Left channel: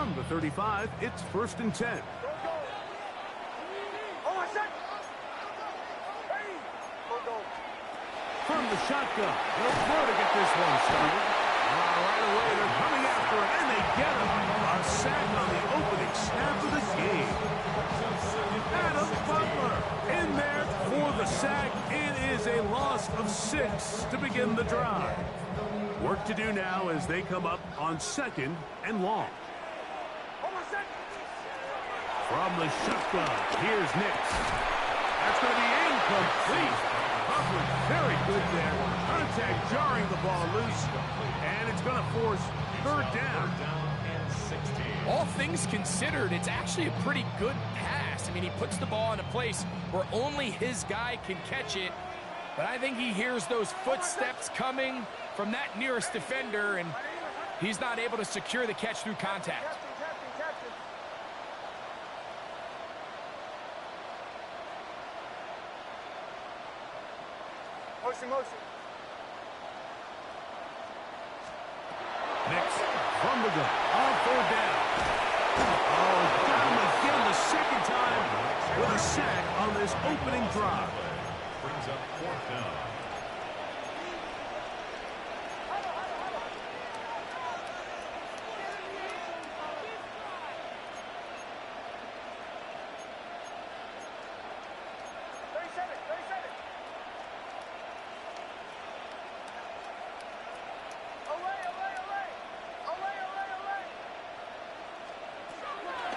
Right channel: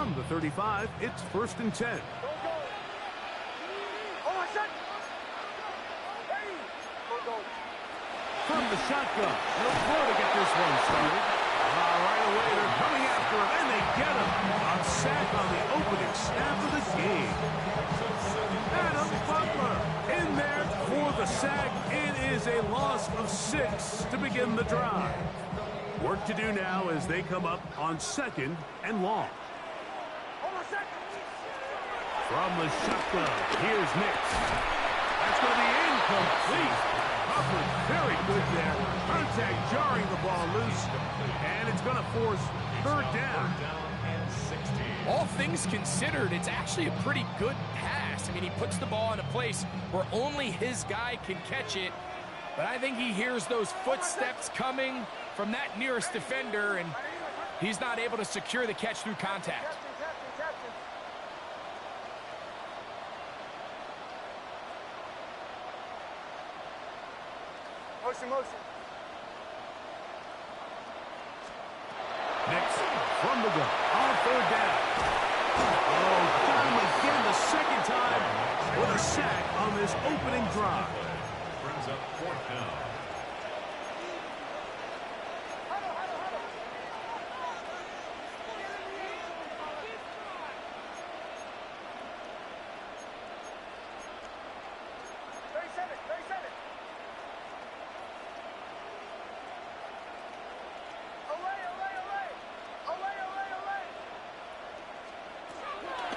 From the 35, it's 1st and 10. From the shotgun, they'll throw to get this one started. Right away, they're coming after him, and they get him. A sack on the opening snap of the game. Adam Butler in there for the sack. It is a loss of 6 to begin the drive. Work to do now as they come up on 2nd and long. From the shotgun, here's Nix. That's going to be incomplete. Coverage very good there. Contact jarring the ball loose. And it's going to force 3rd down. All things considered, it's actually a pretty good pass. I mean, he puts the ball in a place where only his guy can catch it. But I think he hears those footsteps coming from that nearest defender, and he's not able to secure the catch through contact. Captain. Motion. Nix from the gun on 3rd down. Oh, got him again the 2nd time with a sack on this opening drive. Brings up 4th down.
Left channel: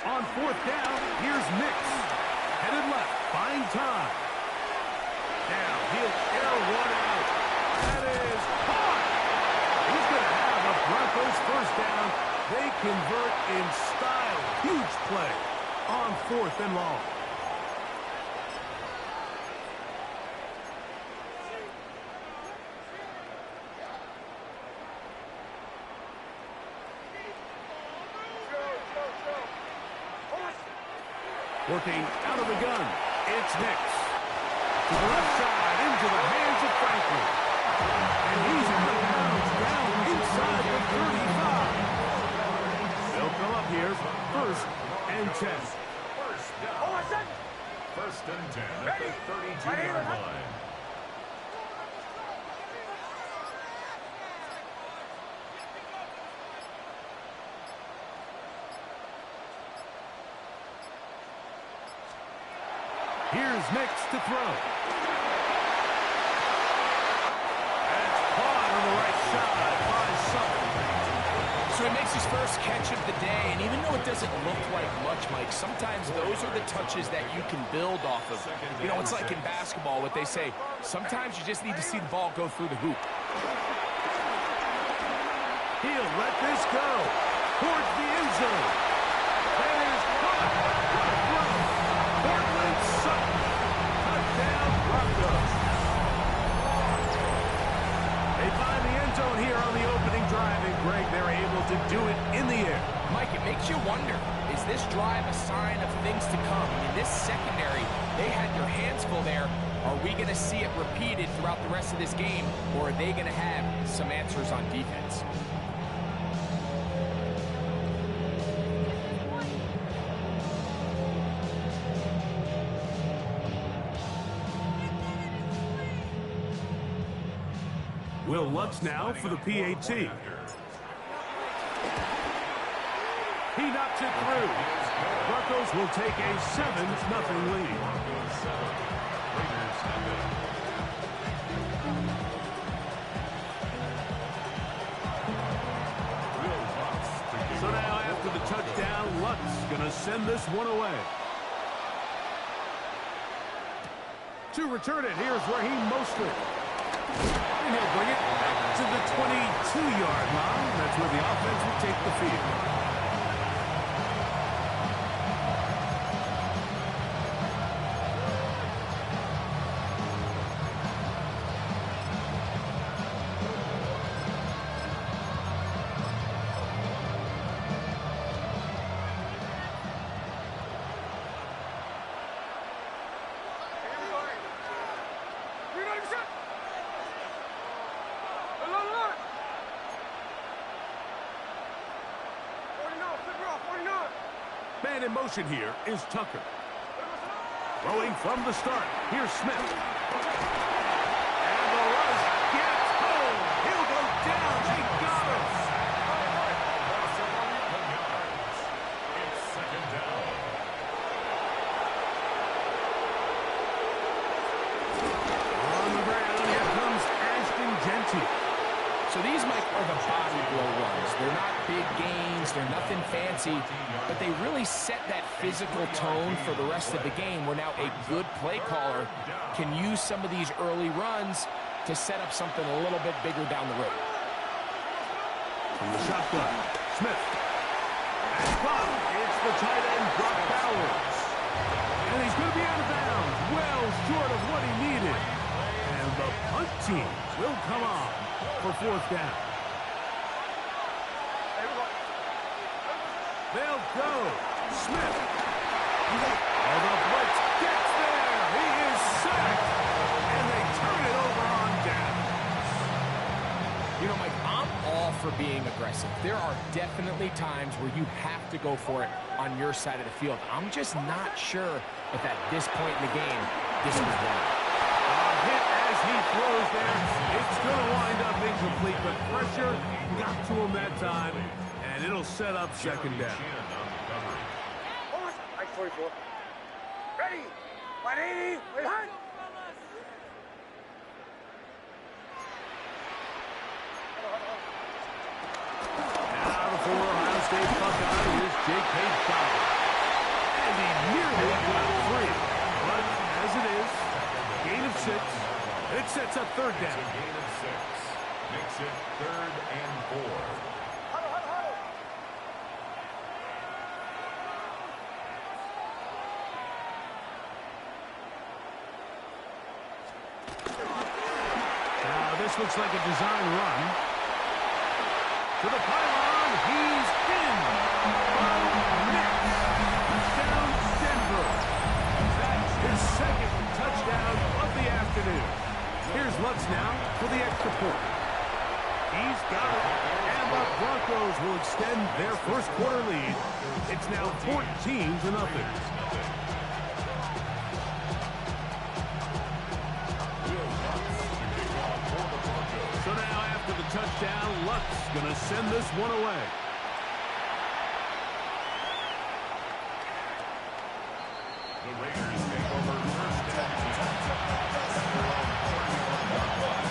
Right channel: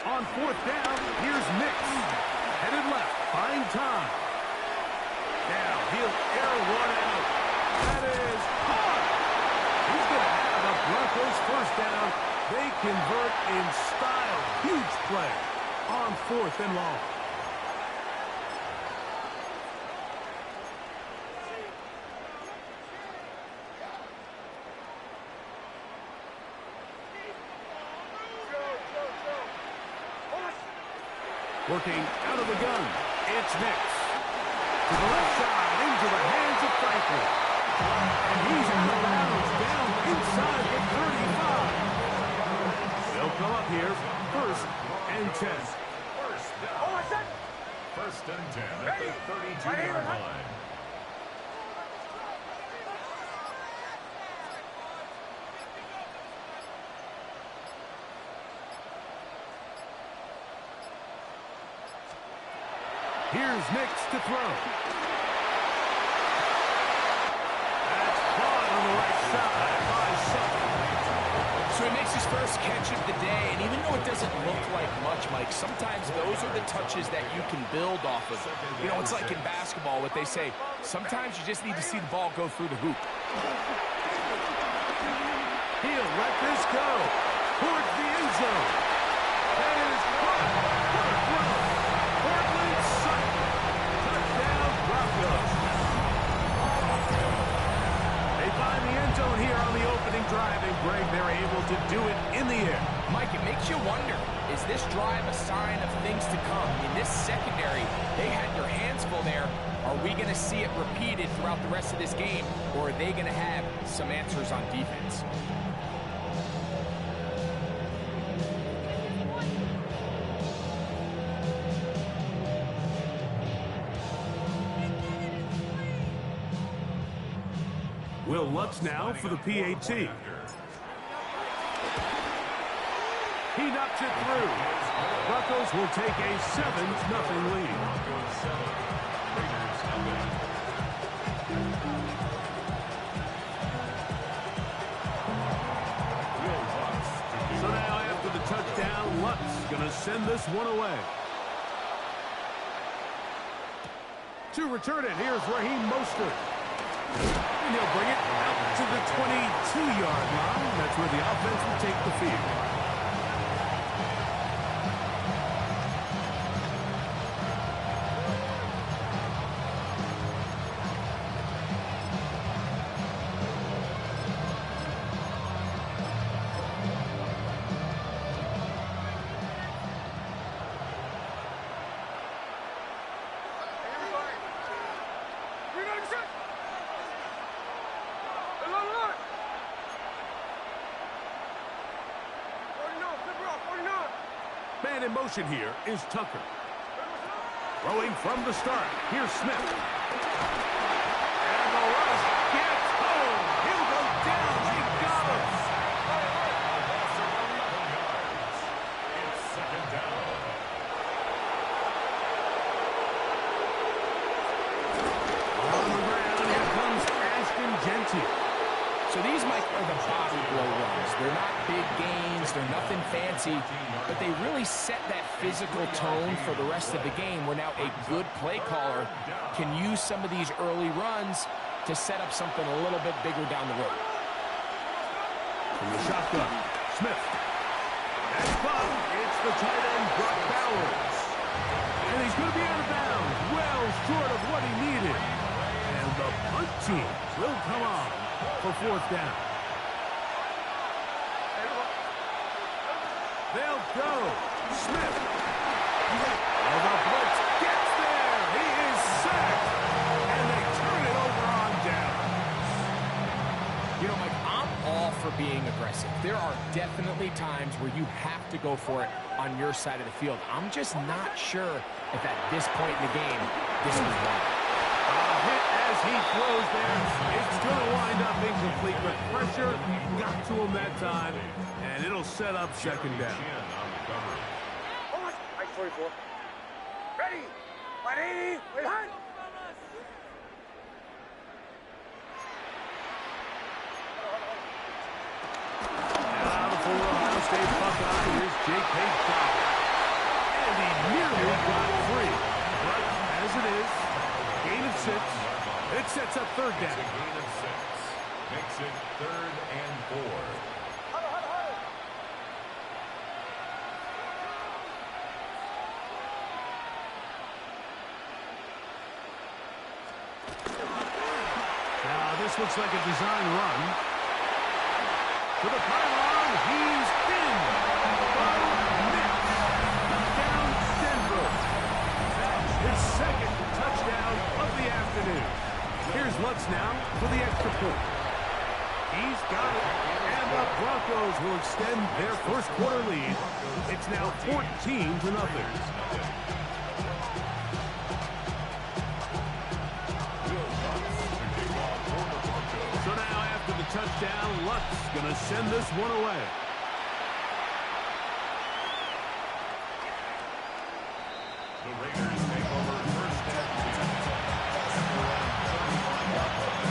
On 4th down, here's Nix. Headed left, buying time. Now he'll air one out. That is caught. He's going to have a Broncos 1st down. They convert in style. Huge play on 4th and long. Working out of the gun, it's Nix. To the left side, into the hands of Franklin. And he's in the bounds, down inside the 35. They'll come up here, 1st and 10. 1st and 10 at the 32-yard line. Here's Nix to throw. That's caught on the right side by Sutton. So he makes his first catch of the day, and even though it doesn't look like much, Mike, sometimes those are the touches that you can build off of. You know, it's like in basketball, what they say, sometimes you just need to see the ball go through the hoop. He'll let this go towards the end zone. That is caught. What a throw. Portland Sutton. Touchdown, Broncos. They find the end zone here on the opening drive, and Greg, they're able to do it in the air. Mike, it makes you wonder, is this drive a sign of things to come? I mean, this secondary, they had their hands full there. Are we going to see it repeated throughout the rest of this game, or are they going to have some answers on defense? Will Lutz now for the PAT. He knocks it through. Broncos will take a 7-0 lead. So now after the touchdown, Lutz going to send this one away. To return it, here's Raheem Mostert. And he'll bring it out to the 22-yard line. That's where the offense will take the field. And in motion here is Tucker. Throwing from the start. Here's Smith. And the rush gets home. He'll go down. They got him. A loss of 11 yards. It's second down. On the ground, here comes Ashton Genty. So these, Mike, are the body blow runs. They're not big gains. They're nothing fancy. But they really set that physical tone for the rest of the game where now a good play caller can use some of these early runs to set up something a little bit bigger down the road. From the shotgun, Smith. And fun, it's the tight end, Brock Bowers. And he's going to be out of bounds, well short of what he needed. And the punt team will come on for fourth down. They'll go. Smith. Oh, the blitz gets there. He is sacked. And they turn it over on downs. You know, Mike, I'm all for being aggressive. There are definitely times where you have to go for it on your side of the field. I'm just not sure if at this point in the game, this was one. Hit as he throws there. It's going to wind up incomplete, but pressure got to him that time, and it'll set up second down. Ice 44. Ready. 180. Wait, hard. Now the former Ohio State Buckeye, here's Jake Page-Fowler. And he nearly got free. But as it is, gain of 6. It sets up third down. It's a gain of 6. Makes it 3rd and 4. Now this looks like a design run. To the pylon, he's in. Bo Nix. Down Denver. That's his second touchdown of the afternoon. Here's Lutz now for the extra point. He's got it. And the Broncos will extend their first quarter lead. It's now 14-0. So now after the touchdown, Lutz going to send this one away. The Raiders take over first and 10 at their own 31-yard line.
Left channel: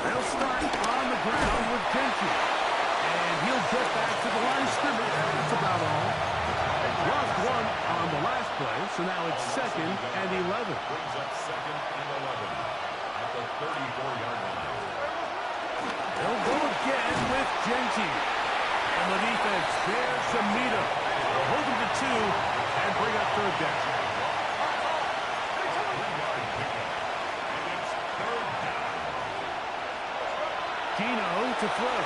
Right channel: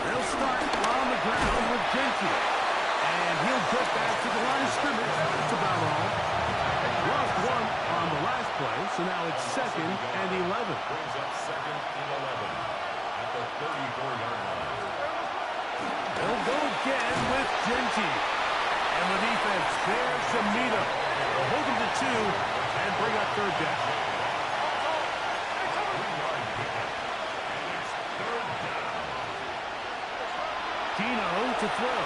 They'll start on the ground with Genty. And he'll get back to the line of scrimmage. That's about all. Lost one on the last play, so now it's 2nd and 11. Brings up 2nd and 11 at the 34-yard line. They'll go again with Genty. And the defense there to meet him. They'll hold him to 2 and bring up third down. 3-yard pickup. And it's 3rd down. Gino to throw.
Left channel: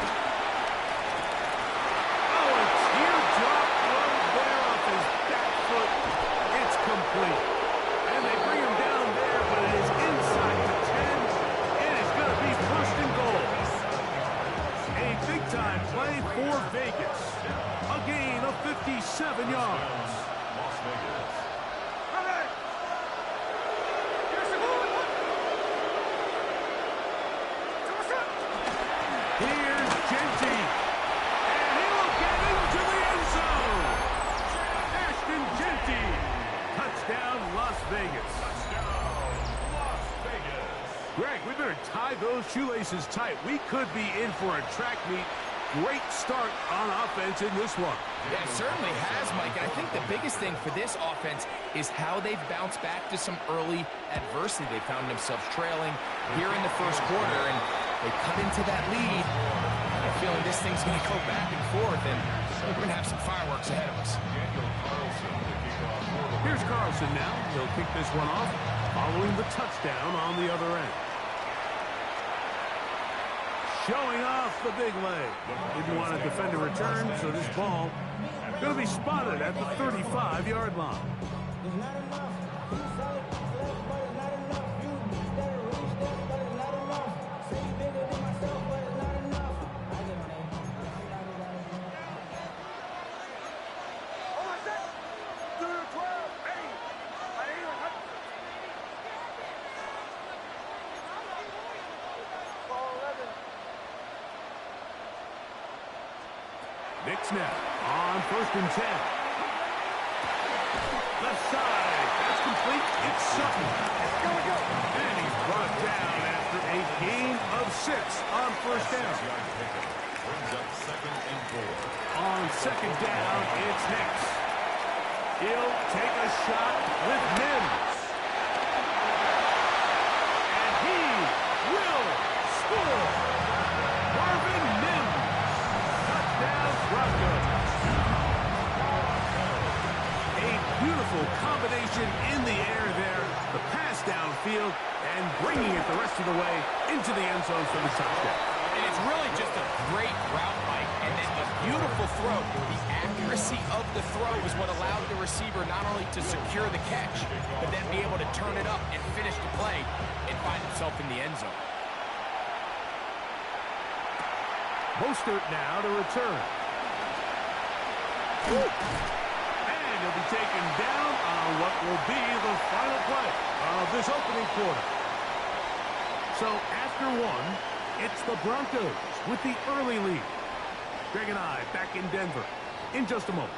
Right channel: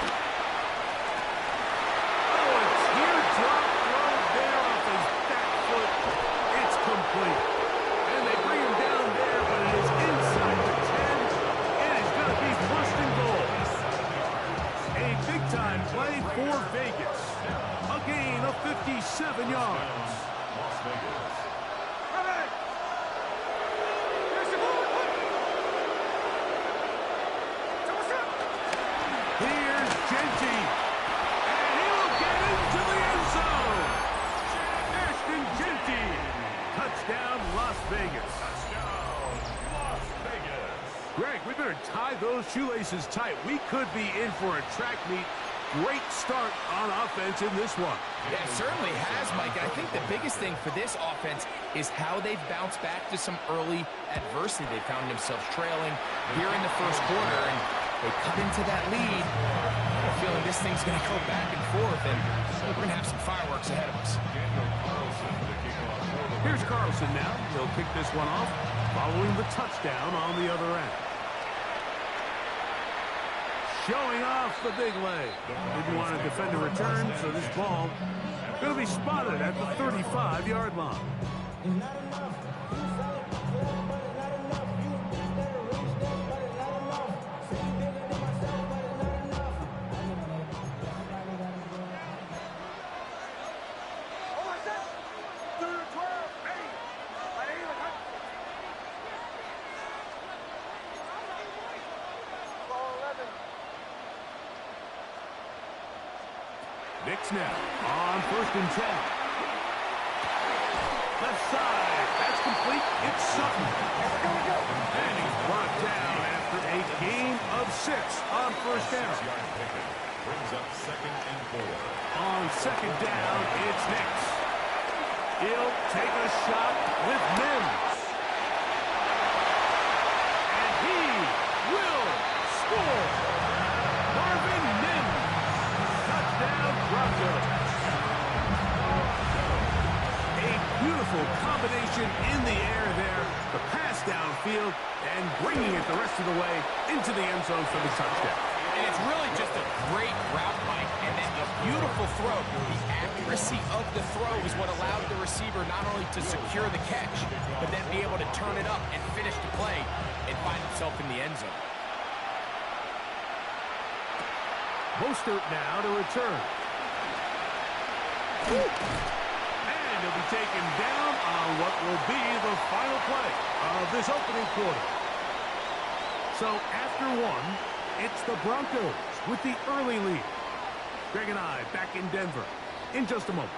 Oh, a teardrop throw there off his back foot. It's complete. And they bring him down there, but it is inside the 10. It is going to be 1st and goal. A big-time play for Vegas. A gain of 57 yards. Las Vegas. Here's Genty. And he will get into the end zone. Ashton Genty. Touchdown, Las Vegas. Touchdown, Las Vegas. Greg, we better tie those shoelaces tight. We could be in for a track meet. Great start on offense in this one. Yeah, it certainly has, Mike. And I think the biggest thing for this offense is how they've bounced back to some early adversity. They found themselves trailing here in the first quarter, and they cut into that lead. I have a feeling this thing's going to go back and forth, and we're going to have some fireworks ahead of us. Daniel Carlson to kick off for the Here's Carlson now. He'll kick this one off following the touchdown on the other end. showing off the big leg. Didn't want to defend a return, so this ball going to be spotted at the 35-yard line. It's not enough. You solid, left, but it's not enough. You that are really step, but it's not enough. Say you bigger than myself, but it's not enough. I get on it. Oh, my God. 2-12. Ready. My name is Hudson. Ball 11. Nick snap on 1st and 10. Left side. That's complete. It's Sutton. And he's brought down after a gain of 6 on 1st down. Brings up 2nd and 4. On 2nd down, it's Nix. He'll take a shot with Mims. And he will score. Marvin Mims. Touchdown, Broncos. A beautiful combination in the air there. The pass downfield and bringing it the rest of the way into the end zone for the touchdown. And it's really just a great route, Mike, and then a beautiful throw. The accuracy of the throw is what allowed the receiver not only to secure the catch, but then be able to turn it up and finish the play and find himself in the end zone. Mostert now to return. And he'll be taken down on what will be the final play of this opening quarter. So after 1, it's the Broncos with the early lead. Greg and I back in Denver in just a moment.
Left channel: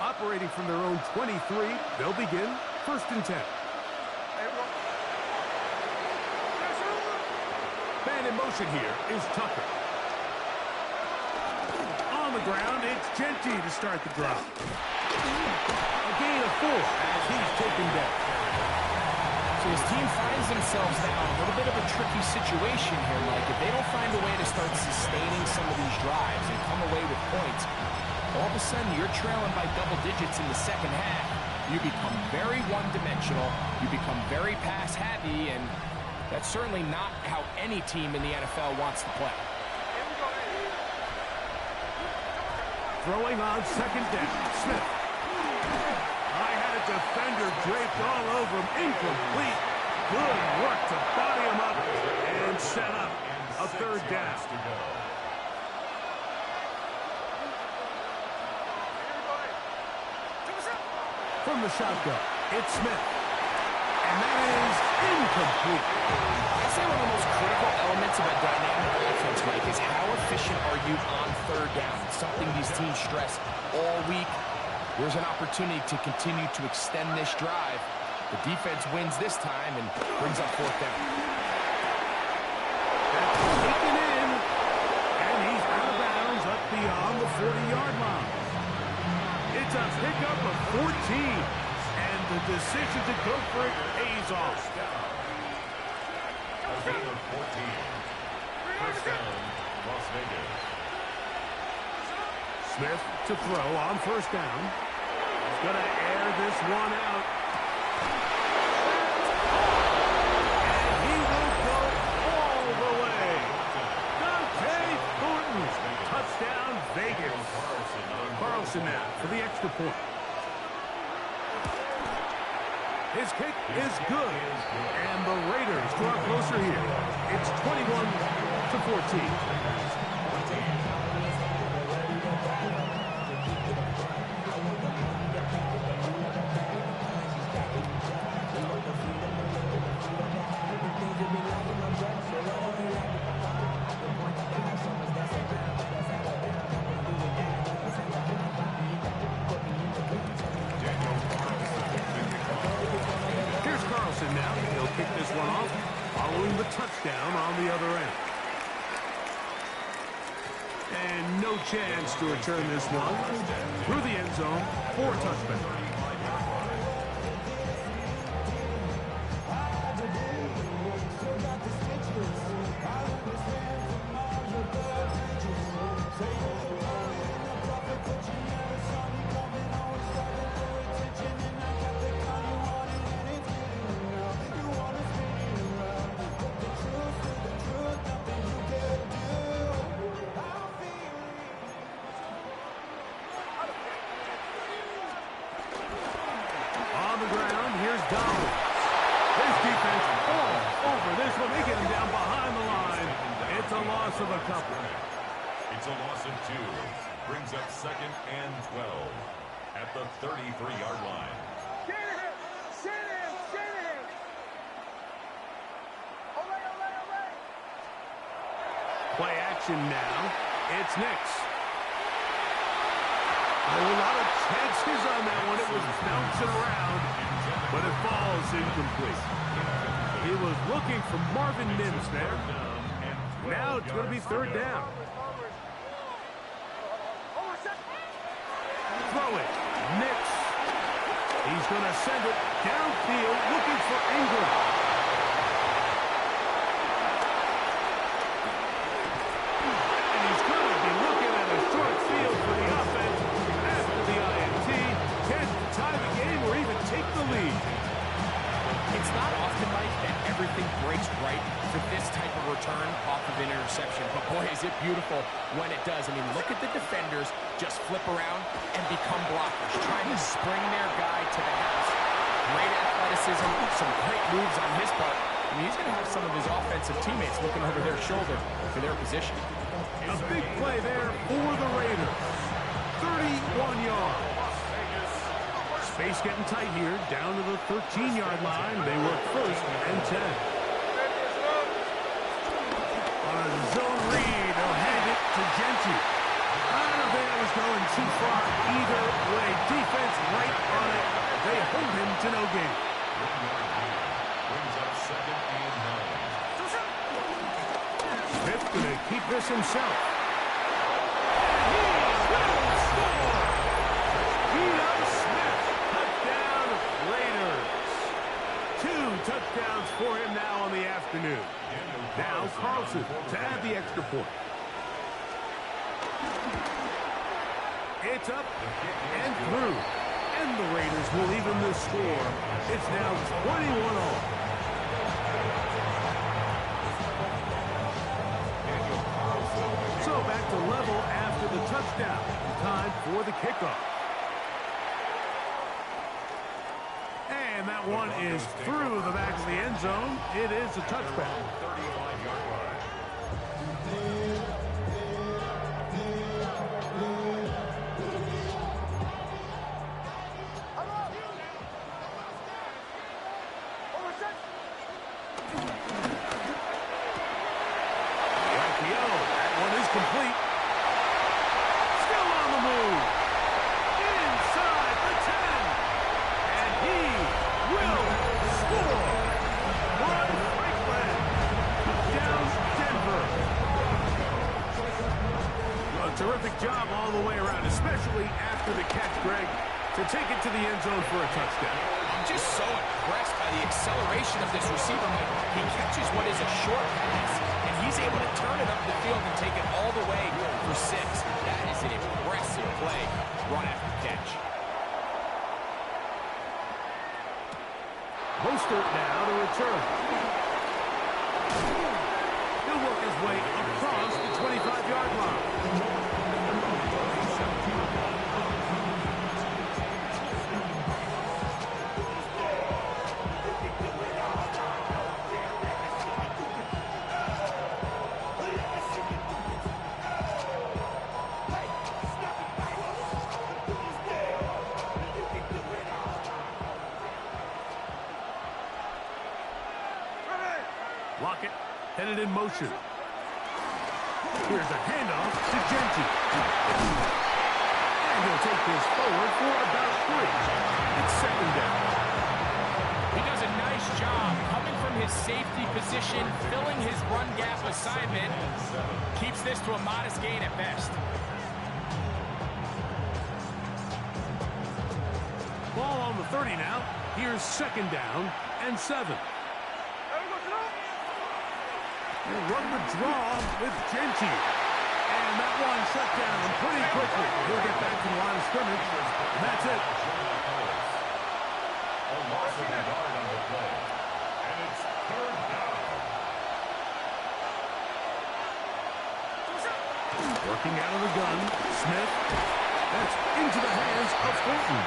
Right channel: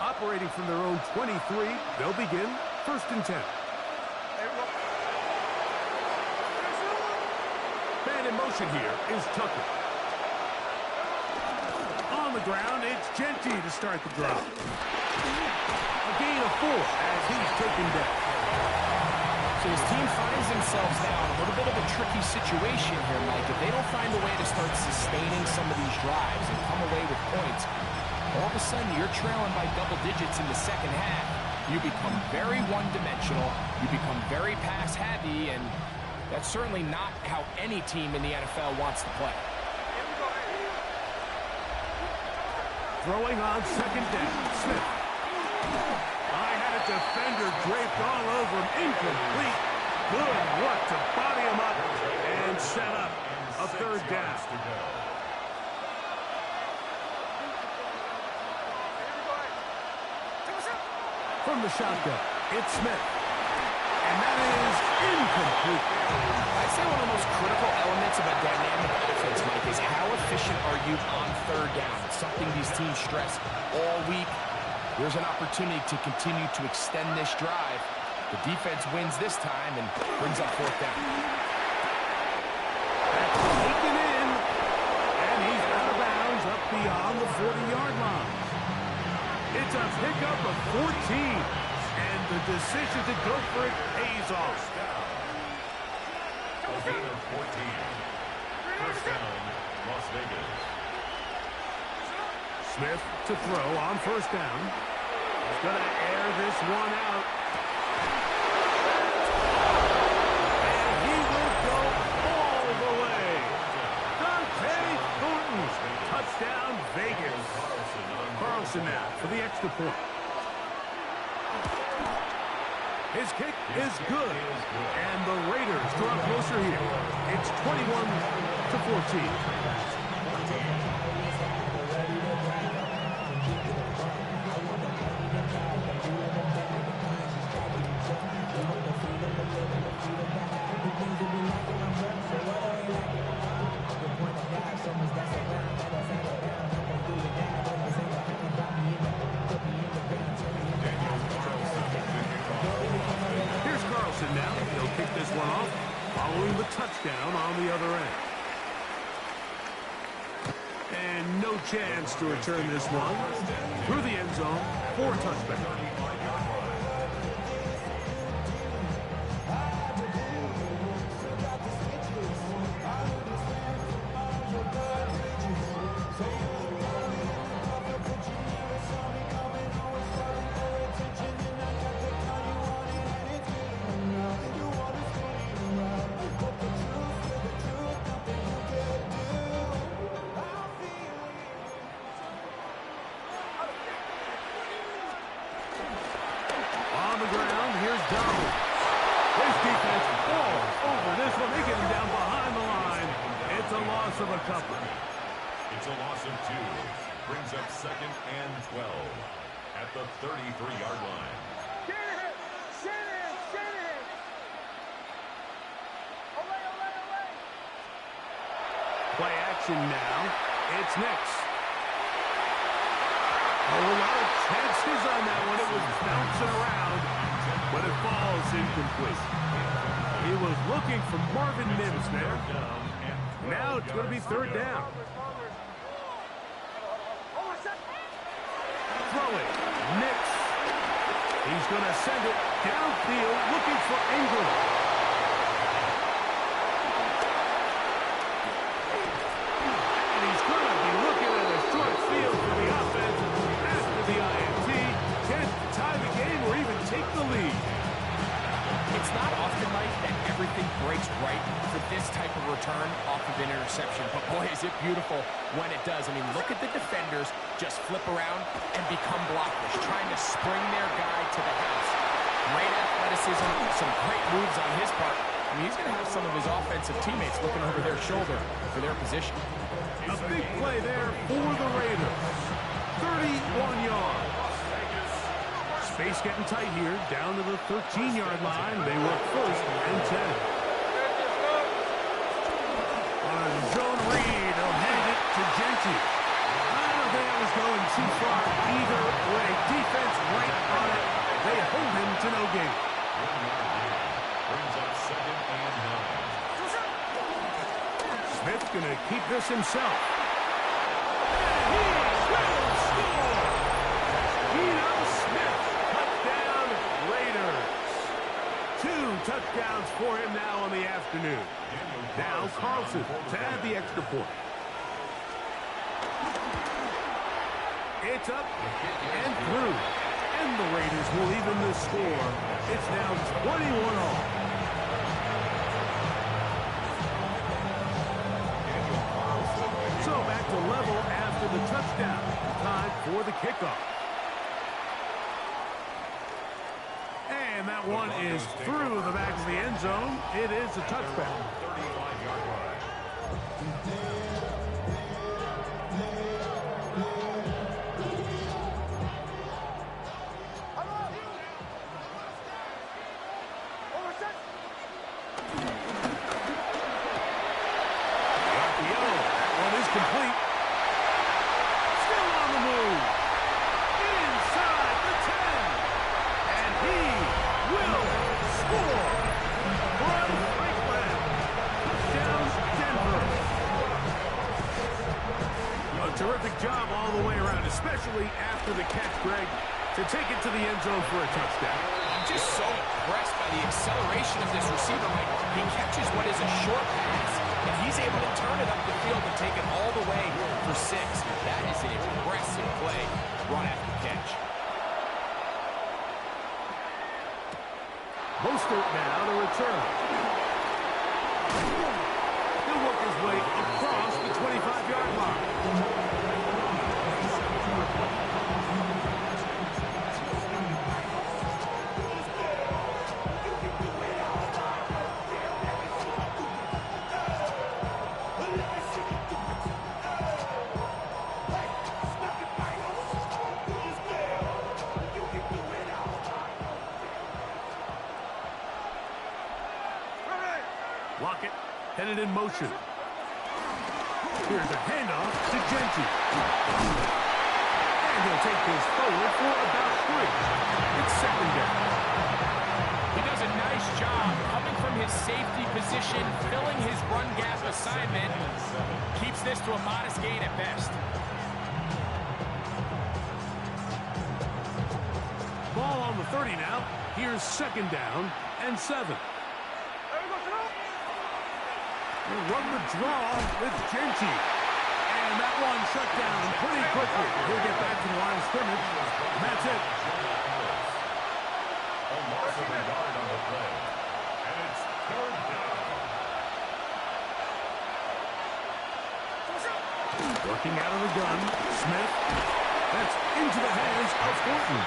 Operating from their own 23, they'll begin 1st and 10. Man in motion here is Tucker. On the ground, it's Genty to start the drive. A gain of 4 as he's taken down. So his team finds themselves now in a little bit of a tricky situation here, Mike. If they don't find a way to start sustaining some of these drives and come away with points, all of a sudden you're trailing by double digits in the second half. You become very one-dimensional. You become very pass-heavy, and that's certainly not how any team in the NFL wants to play. Throwing on 2nd down, Smith. I had a defender draped all over him, incomplete. Good work to body him up and set up a 3rd down. From the shotgun, it's Smith. And that is incomplete. I'd say one of the most critical elements of a dynamic offense, Mike, is how efficient are you on 3rd down? It's something these teams stress all week. There's an opportunity to continue to extend this drive. The defense wins this time and brings up 4th down. That's taken in. And he's out of bounds up beyond the 40-yard line. It's a pickup of 14, and the decision to go for it pays off. A gain of 14. 1st down, Las Vegas. Smith to throw on 1st down. He's going to air this one out. And he will go all the way. Dante Thornton. Touchdown, Vegas. Carlson now for the extra point. His kick is good. And the Raiders draw closer here. It's 21-14. Here's Carlson now. He'll kick this one off, following the touchdown on the other end. And no chance to return this one. Through the end zone for a touchback. his dominance. His defense all over this one. They get him down behind the line. It's a loss of a couple. It's a loss of 2. Brings up 2nd and 12 at the 33-yard line. Play action now. It's Nix. A lot of chances on that one. It was bouncing around, but it falls incomplete. He was looking for Marvin Mims there. Now it's going to be 3rd down. Throw it. Nix. He's going to send it downfield looking for Ingram. And he's going to be looking at a short field for the offense after the INT. Can't tie the game or even take the lead. It's not often, Mike, that everything breaks right for this type of return off of an interception. But, boy, is it beautiful when it does. I mean, look at the defenders just flip around and become blockers, trying to spring their guy to the house. Great athleticism, some great moves on his part. I mean, he's going to have some of his offensive teammates looking over their shoulder for their position. A big play there for the Raiders. 31 yards. Space getting tight here, down to the 13-yard line. They work 1st and 10. On a zone read, they'll hand it to Genti. I don't think that was going too far either way. Defense right on it. They hold him to no gain. 1 yard gain. Brings up 2nd and 9. Smith going to keep this himself. And he will score! Geno Smith. Touchdown, Raiders. 2 touchdowns for him now on the afternoon. Now Carlson to add the extra point. It's up and through. And the Raiders will even the score. It's now 21 all. So back to level after the touchdown. Time for the kickoff. And that one is through the back of the end zone. It is a touchback. 35-yard line. The RPO. That one is complete. Still on the move. Inside the 10. And he will score. Brian Franklin. Touchdown, Denver. A terrific job all the way around, especially after the catch, Greg, to take it to the end zone for a touchdown. I'm just so impressed by the acceleration of this receiver, Mike. He catches what is a short pass, and he's able to turn it up the field and take it all the way for 6. That is an impressive play, run after catch. Mostert now to return. He'll work his way across the 25-yard line. Lockett headed in motion. Here's a handoff to Genti. And he'll take this forward for about 3. It's 2nd down. He does a nice job coming from his safety position, filling his run gap assignment. Keeps this to a modest gain at best. Ball on the 30 now. Here's 2nd down and 7. He'll run the draw with Genti. And that one shut down pretty quickly. He'll get back to the line of scrimmage. And that's it. A loss of a yard on the play. And it's 3rd down. Working out of the gun. Smith That's into the hands of Thornton.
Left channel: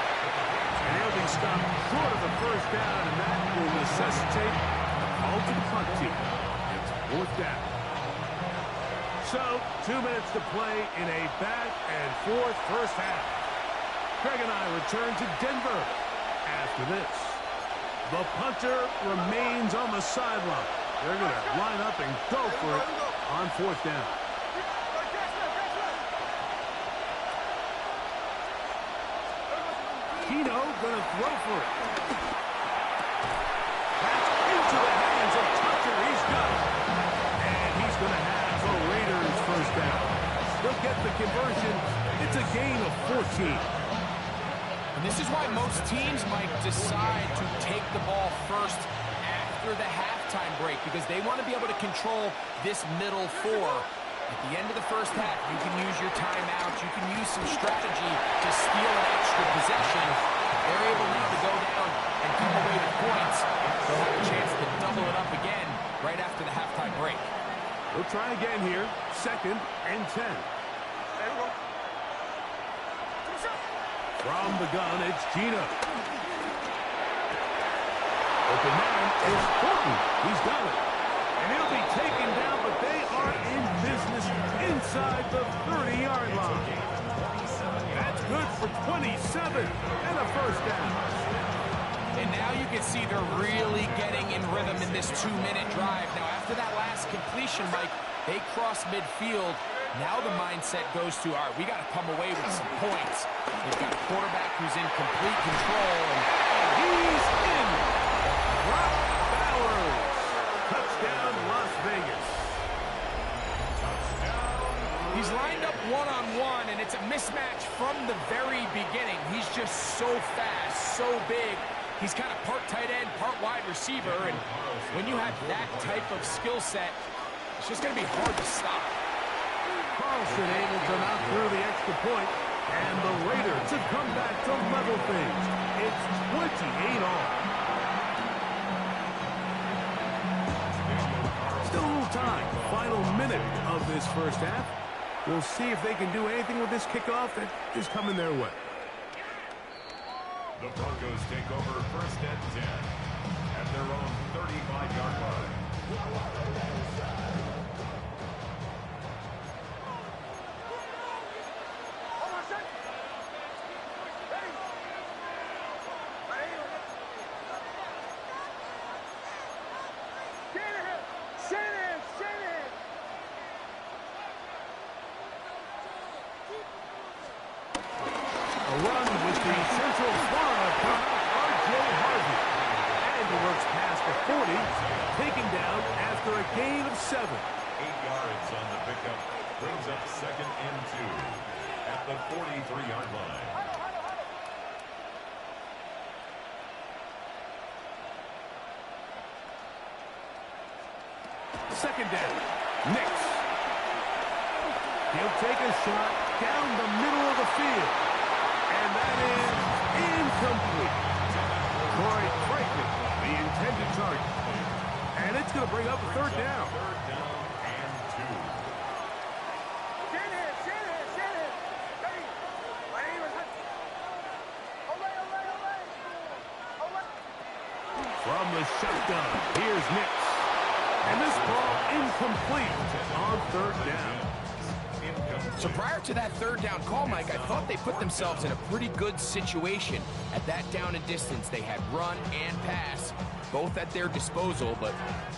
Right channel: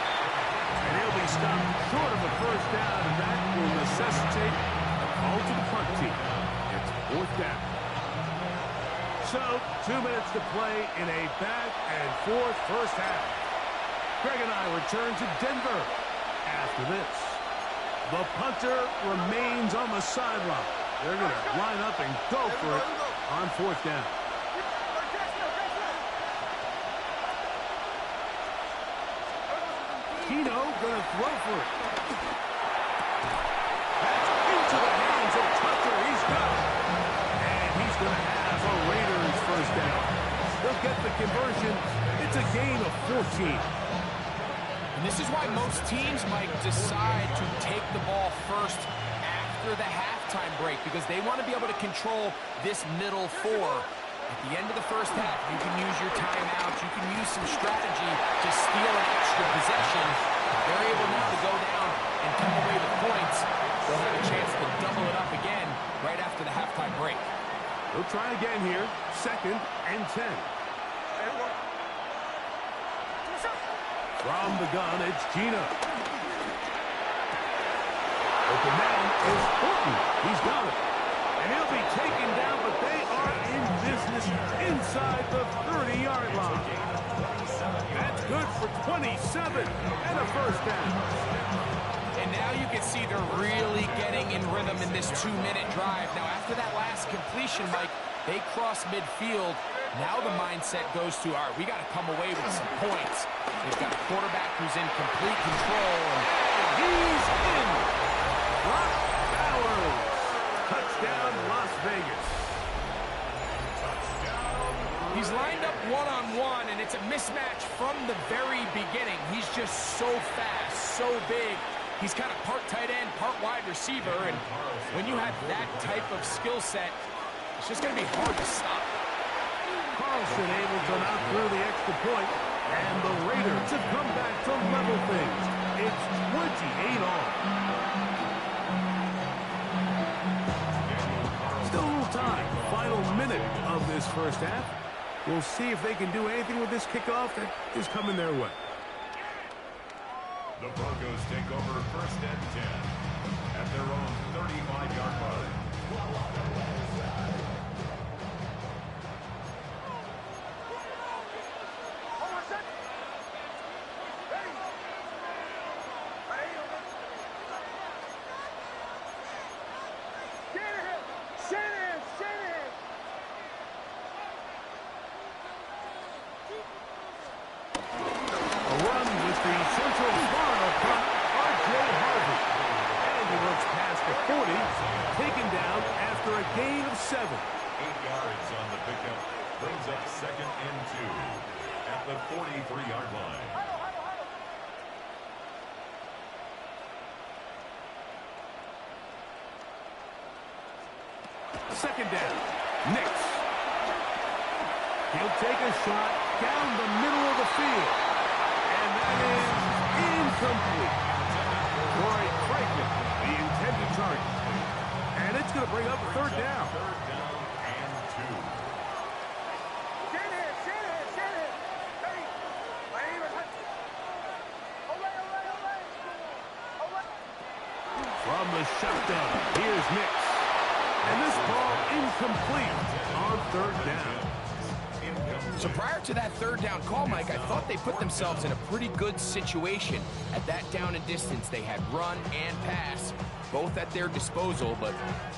And he'll be stopped short of the first down, and that will necessitate a call to the punt team. It's fourth down. So, 2 minutes to play in a back-and-forth first half. Greg and I return to Denver after this. The punter remains on the sideline. They're going to line up and go for it on fourth down. Keno going to throw for it. That's into the hands of Tucker. He's got it. And he's going to have a Raiders first down. They'll get the conversion. It's a gain of 14. And this is why most teams might decide to take the ball first after the halftime break, because they want to be able to control this middle four. At the end of the first half, you can use your timeout. You can use some strategy to steal an extra possession. They're able now to go down and come away with points. They'll have a chance to double it up again right after the halftime break. They'll try again here. 2nd and 10. From the gun, it's Gino. Open man is Thornton. He's got it. And he'll be taken down, but they are in business inside the 30-yard line. That's good for 27 and a first down. And now you can see they're really getting in rhythm in this 2-minute drive. Now, after that last completion, Mike, they cross midfield. Now the mindset goes to, all right, we got to come away with some points. They've got a quarterback who's in complete control. And he's in. Brock Bowers. Touchdown, Las Vegas. Touchdown. He's lined up one-on-one, and it's a mismatch from the very beginning. He's just so fast, so big. He's kind of part tight end, part wide receiver, and when you have that type of skill set, it's just going to be hard to stop. Carlson able to knock through the extra point, and the Raiders have come back to level things. It's 28 all. Still a little time. Final minute of this first half. We'll see if they can do anything with this kickoff that is coming their way. The Broncos take over 1st and 10 at their own 35-yard line. A run with the Central Florida product, R.J. Harvey. And he works past the 40, taken down after a gain of 7. 8 yards on the pickup. Brings up 2nd and 2 at the 43-yard line. Second down. Nix. He'll take a shot down the middle of the field. And that is incomplete. Corey Franklin, the intended target. And it's going to bring up a 3rd down. 3rd down and 2. From the shotgun, here's Nix. And this ball incomplete on 3rd down. So prior to that 3rd down call, Mike, I thought they put themselves in a pretty good situation. At that down and distance, they had run and pass, both at their disposal, but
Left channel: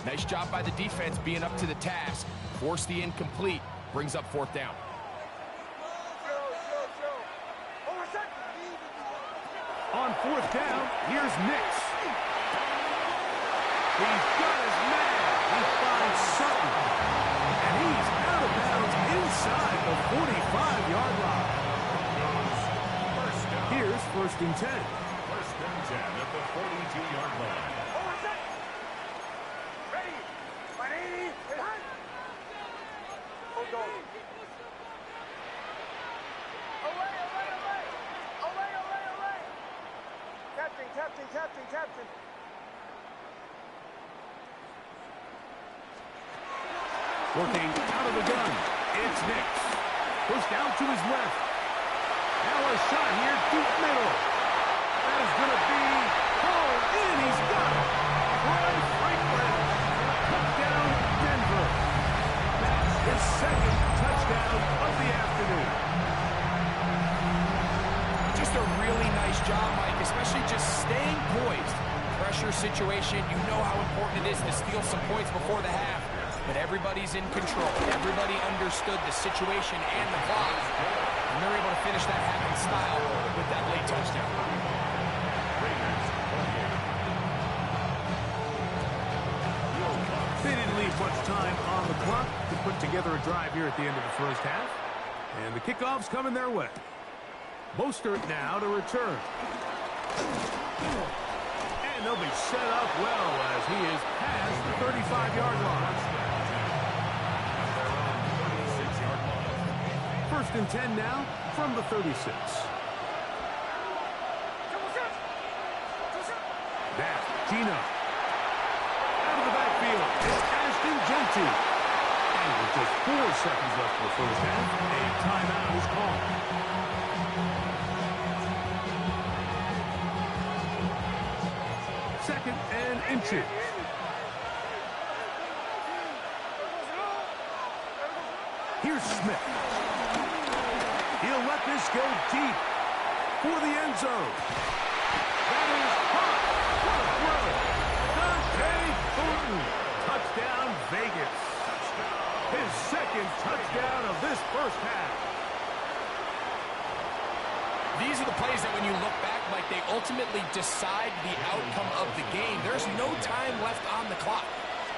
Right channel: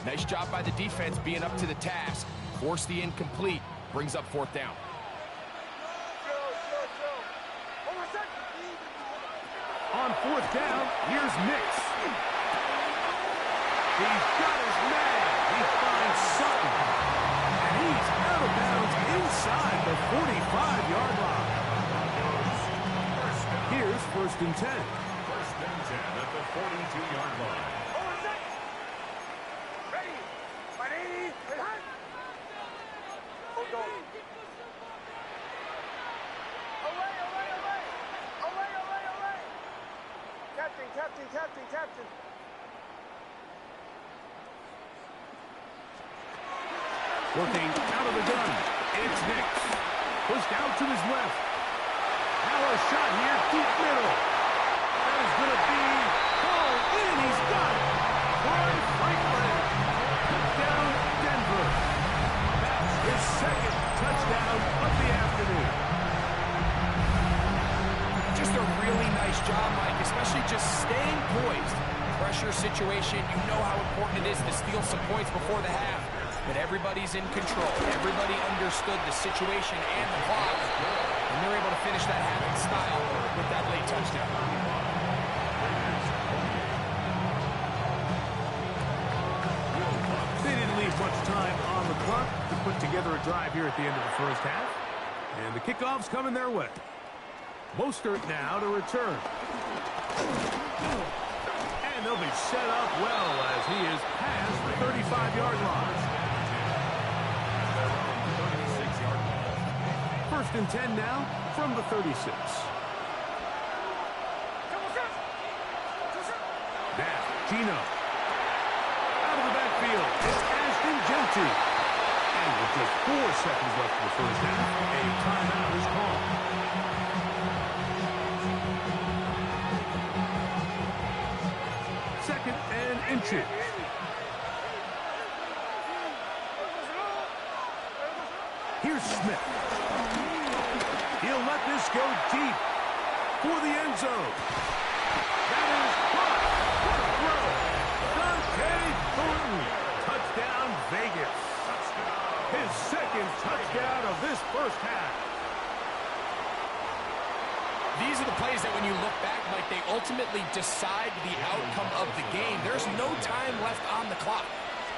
nice job by the defense being up to the task. Force the incomplete, brings up 4th down. On 4th down, here's Nix. He's got his man. He finds Sutton. And he's out of bounds inside the 45-yard line. Here's 1st and 10. 1st and 10 at the 42-yard line. Ready. 180. Hold on. Away. Captain. Working out of the gun. It's Nix. Pushed out to his left. Now a shot here, deep middle. That is going to be hauled in. He's got it. Troy Franklin. Touchdown, Denver. That's his second touchdown of the afternoon. Just a really nice job, Mike, especially just staying poised. Pressure situation, you know how important it is to steal some points before the half. But everybody's in control. Everybody understood the situation and the clock. And they're able to finish that half in style with that late touchdown. They didn't leave much time on the clock to put together a drive here at the end of the first half. And the kickoff's coming their way. Mostert now to return. And they'll be set up well as he is past the 35-yard line. At their own 36-yard line. 1st and 10 now from the 36. Now, Gino. Out of the backfield, it's Ashton Genty. And with just 4 seconds left in the first half, a timeout is called. Second and inches. Here's Smith. He'll let this go deep for the end zone. That is caught. What a throw. Dante Thornton. Touchdown, Vegas. His second touchdown of this first half. These are the plays that when you look back, Mike, they ultimately decide the outcome of the game. There's no time left on the clock.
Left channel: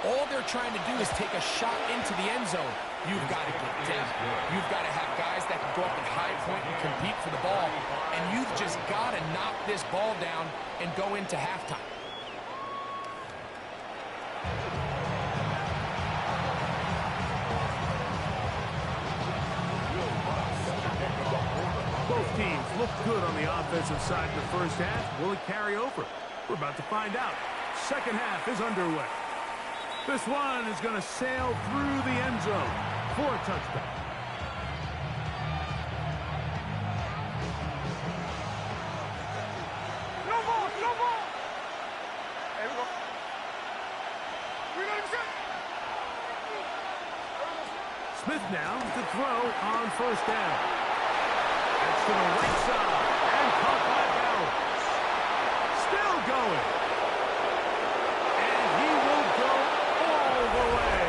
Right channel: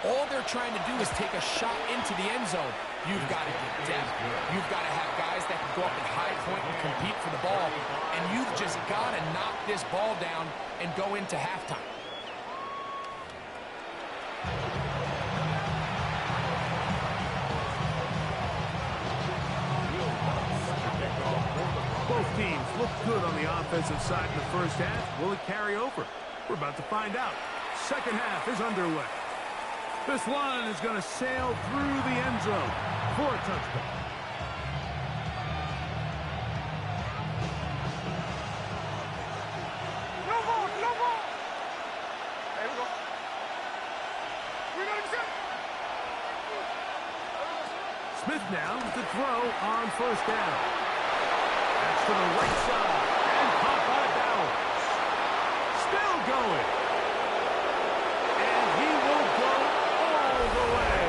All they're trying to do is take a shot into the end zone. You've got to get depth. You've got to have guys that can go up at high point and compete for the ball. And you've just got to knock this ball down and go into halftime. Both teams look good on the offensive side in the first half. Will it carry over? We're about to find out. Second half is underway. This one is going to sail through the end zone for a touchdown. No ball, no ball. There we go. We got him set. Smith now to throw on first down. That's to the right side and caught by Bowers. Still going. And he will go all the way.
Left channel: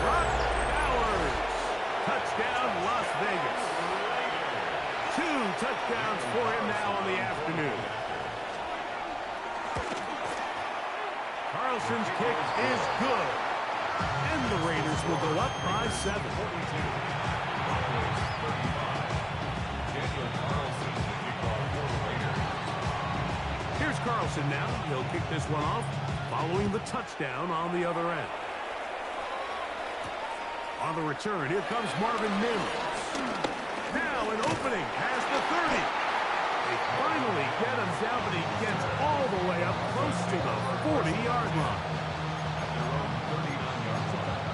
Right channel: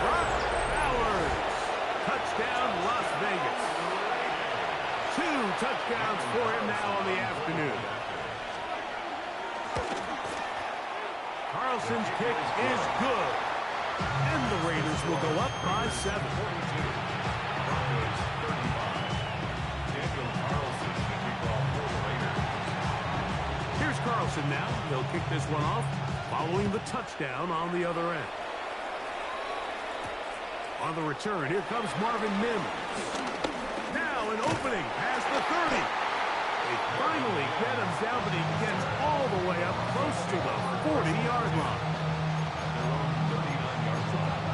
Brock Bowers. Touchdown, Las Vegas. 2 touchdowns for him now on the afternoon. Carlson's kick is good. And the Raiders will go up by 7. 42. Broncos 35. Daniel Carlson, the kickoff for the Raiders. Here's Carlson now. He'll kick this one off following the touchdown on the other end. On the return, here comes Marvin Mims. Now an opening past the 30. They finally get him down, but he gets all the way up close to the 40-yard line. At their own 39-yard line.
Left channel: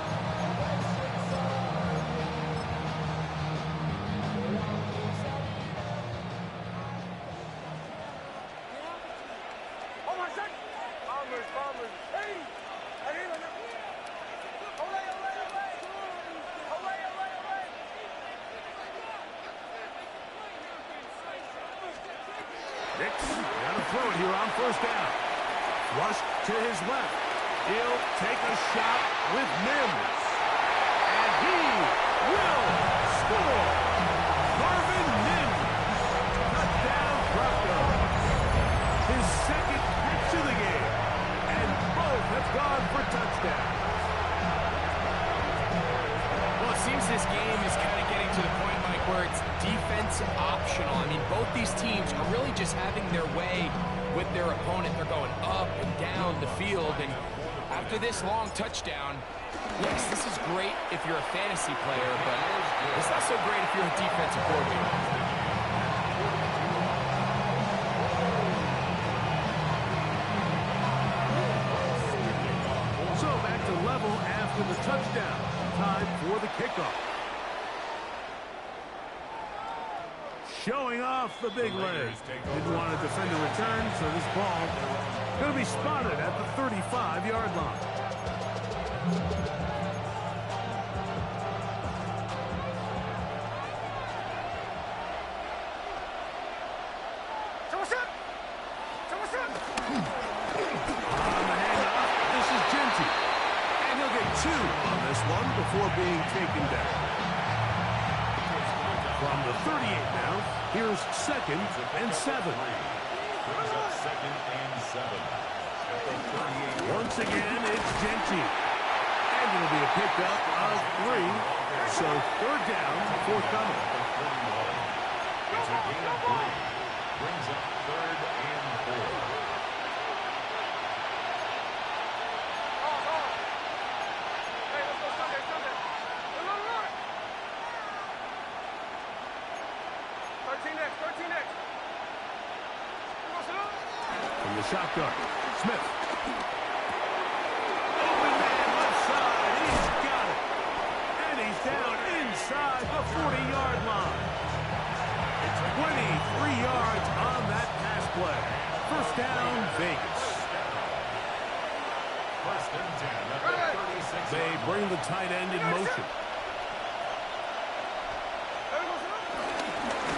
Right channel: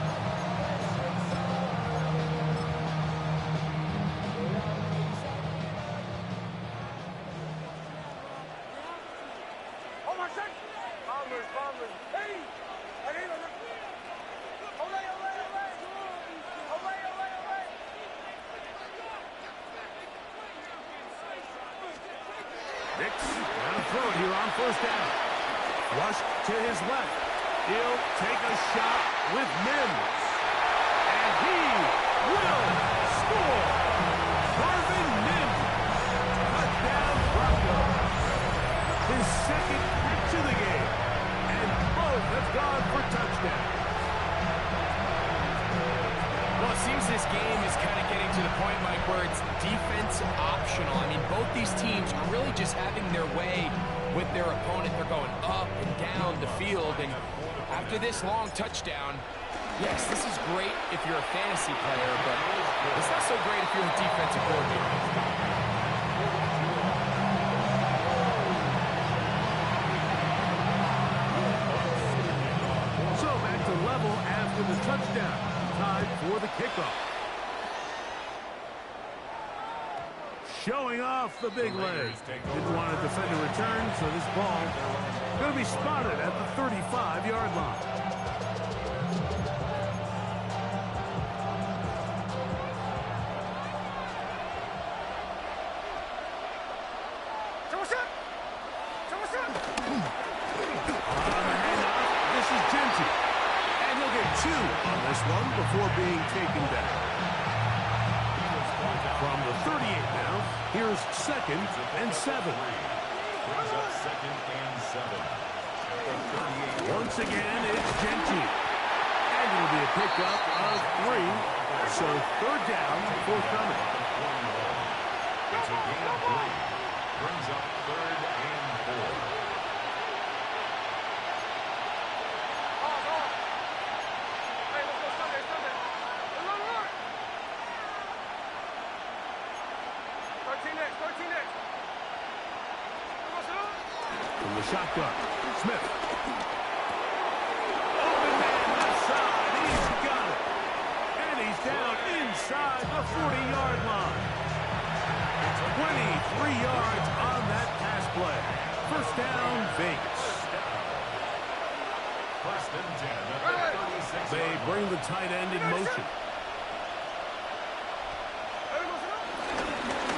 Oh my God! Bombers, bombers. Hey! Arriba, no. Olé, olé, olé. Olé, olé, olé. Nix got to throw it here on first down. Rush to his left. He'll take a shot with Mims. And he will score. Marvin Mims. Touchdown, Broncos. His second catch of the game. And both have gone for touchdowns. Well, it seems this game is kind of getting to the point, Mike, where it's defense optional. I mean, both these teams are really just having their way with their opponent. They're going up and down the field. And after this long touchdown, yes, this is great if you're a fantasy player, but it's not so great if you're a defensive coordinator. So back to level after the touchdown. Time for the kickoff. showing off the big leg. Didn't want to defend a return, so this ball going to be spotted at the 35-yard line. On the handoff, this is Genty. And he'll get 2 on this one before being taken down. From the 38 now, here's 2nd and 7. Brings up 2nd and 7. At the 38. Once again, it's Genty. And it'll be a pickup of 3. So 3rd down, forthcoming. It's a gain of 3. Brings up 3rd and 4. From the shotgun, Smith. Open man left side. He's got it. And he's down inside the 40-yard line. 23 yards on that pass play. First down, Vegas. First and 10 at the 36. They bring the tight end in motion.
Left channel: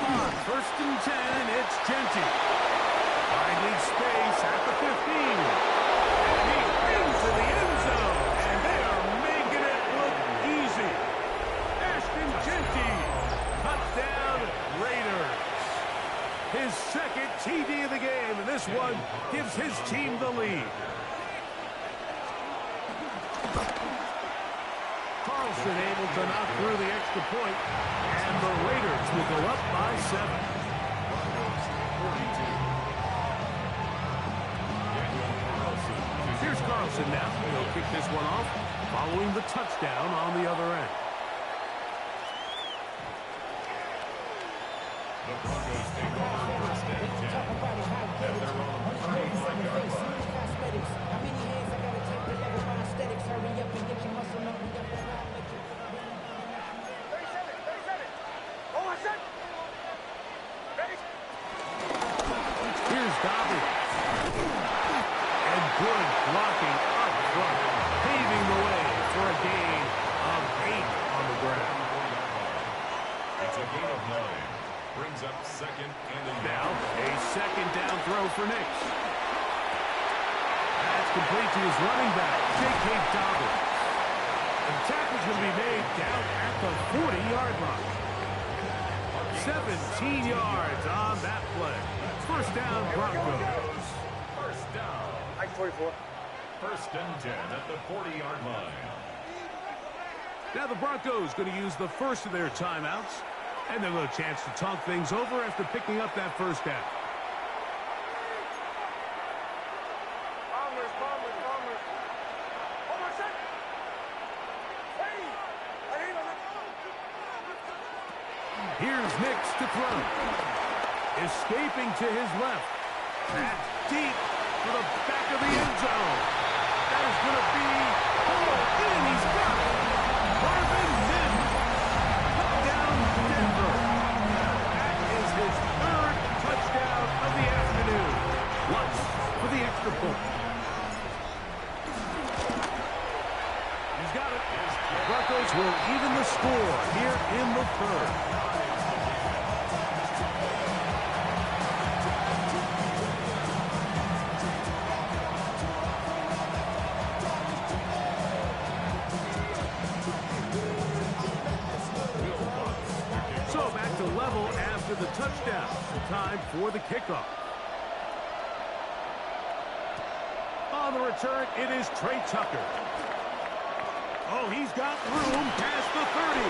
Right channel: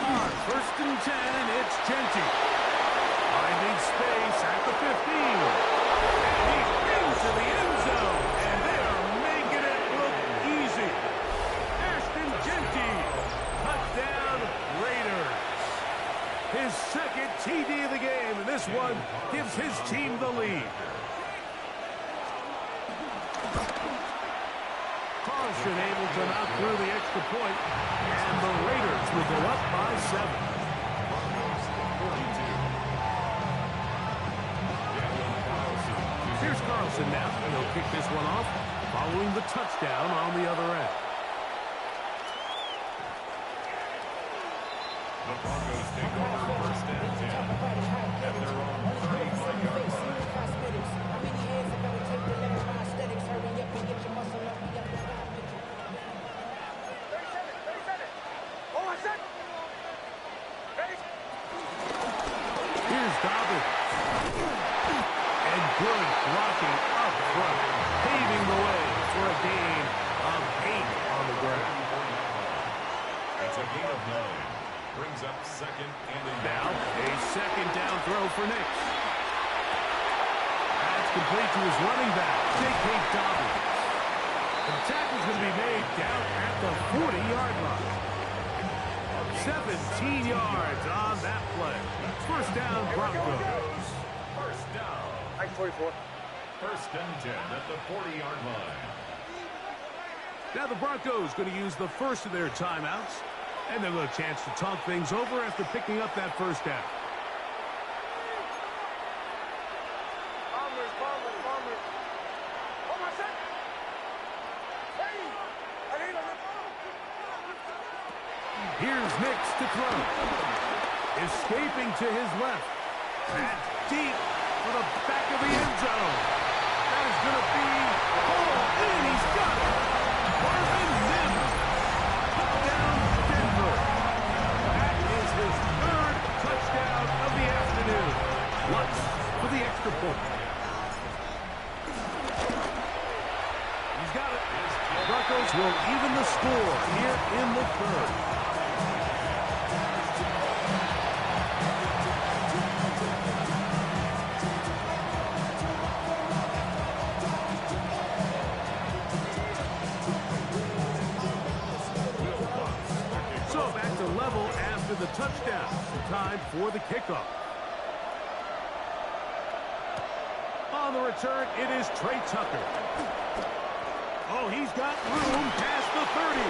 On 1st and 10, it's Genty. Finding space at the 15. And he's into the end zone. And they are making it look easy. Ashton Genty. Touchdown, Raiders. His 2nd TD of the game. And this one gives his team the lead. Carlson able to knock through the extra point. And the Raiders will go up by 7. Broncos 42. Here's Carlson now. He'll kick this one off following the touchdown on the other end. The Broncos take over 1st and 10 at their own 35-yard line. How many heads I gotta take to level my aesthetics? Hurry up and get your muscle up. We got the plan, make it. 37. Oh, I said. Here's Dobbins. And good blocking up front, paving the way for a gain of 8 on the ground. It's a gain of 9. Brings up 2nd and a Now, a 2nd down throw for Nix. That's complete to his running back, J.K. Dobbins. And the tackle's going to be made down at the 40-yard line. 17 yards on that play. First down, Broncos. First down. 44. 1st and 10 at the 40-yard line. Now the Broncos going to use the first of their timeouts. And they'll have a chance to talk things over after picking up that first down. Bombers. Hold on a second. Hey! I need a... Here's Nix to throw. Escaping to his left. That's deep for the back of the end zone. That is going to be pulled in. He's got it. Marvin Mims. Touchdown, Denver. That is his 3rd touchdown of the afternoon. Once for the extra point. He's got it. Broncos will even the score here in the 3rd. So back to level after the touchdown. Time for the kickoff. On the return, it is Trey Tucker. Oh, he's got room past the 30.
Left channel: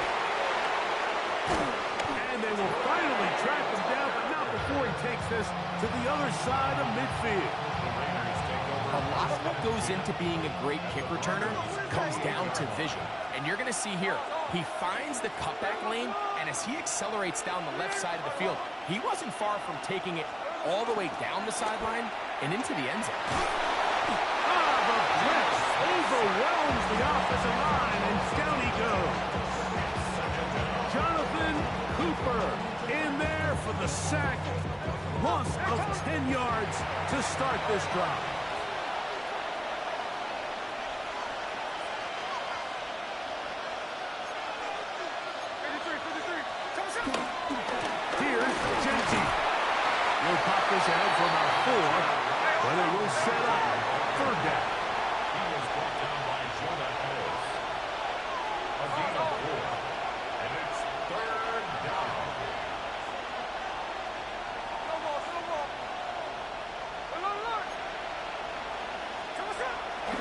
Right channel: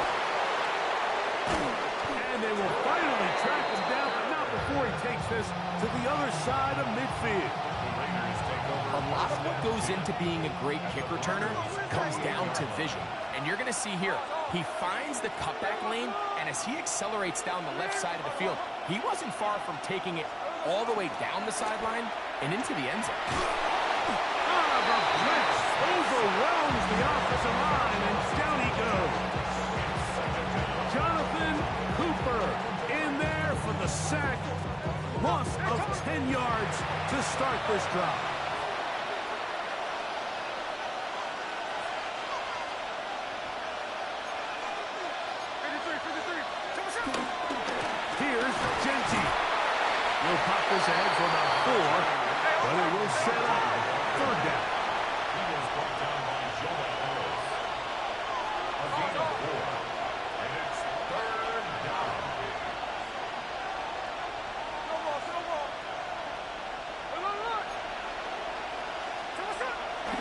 And they will finally track him down, but not before he takes this to the other side of midfield. A lot of what goes into being a great kick returner comes down to vision. And you're going to see here, he finds the cutback lane, and as he accelerates down the left side of the field, he wasn't far from taking it all the way down the sideline and into the end zone. The blitz overwhelms the offensive line, and down he goes. Jonathan Cooper in there for with the sack. Loss of 10 yards to start this drive. Here's Genty. He'll pop this ahead for about 4, but it will set up third down. He is brought down by Jonah Ellis. A gain of 4, and it's third down.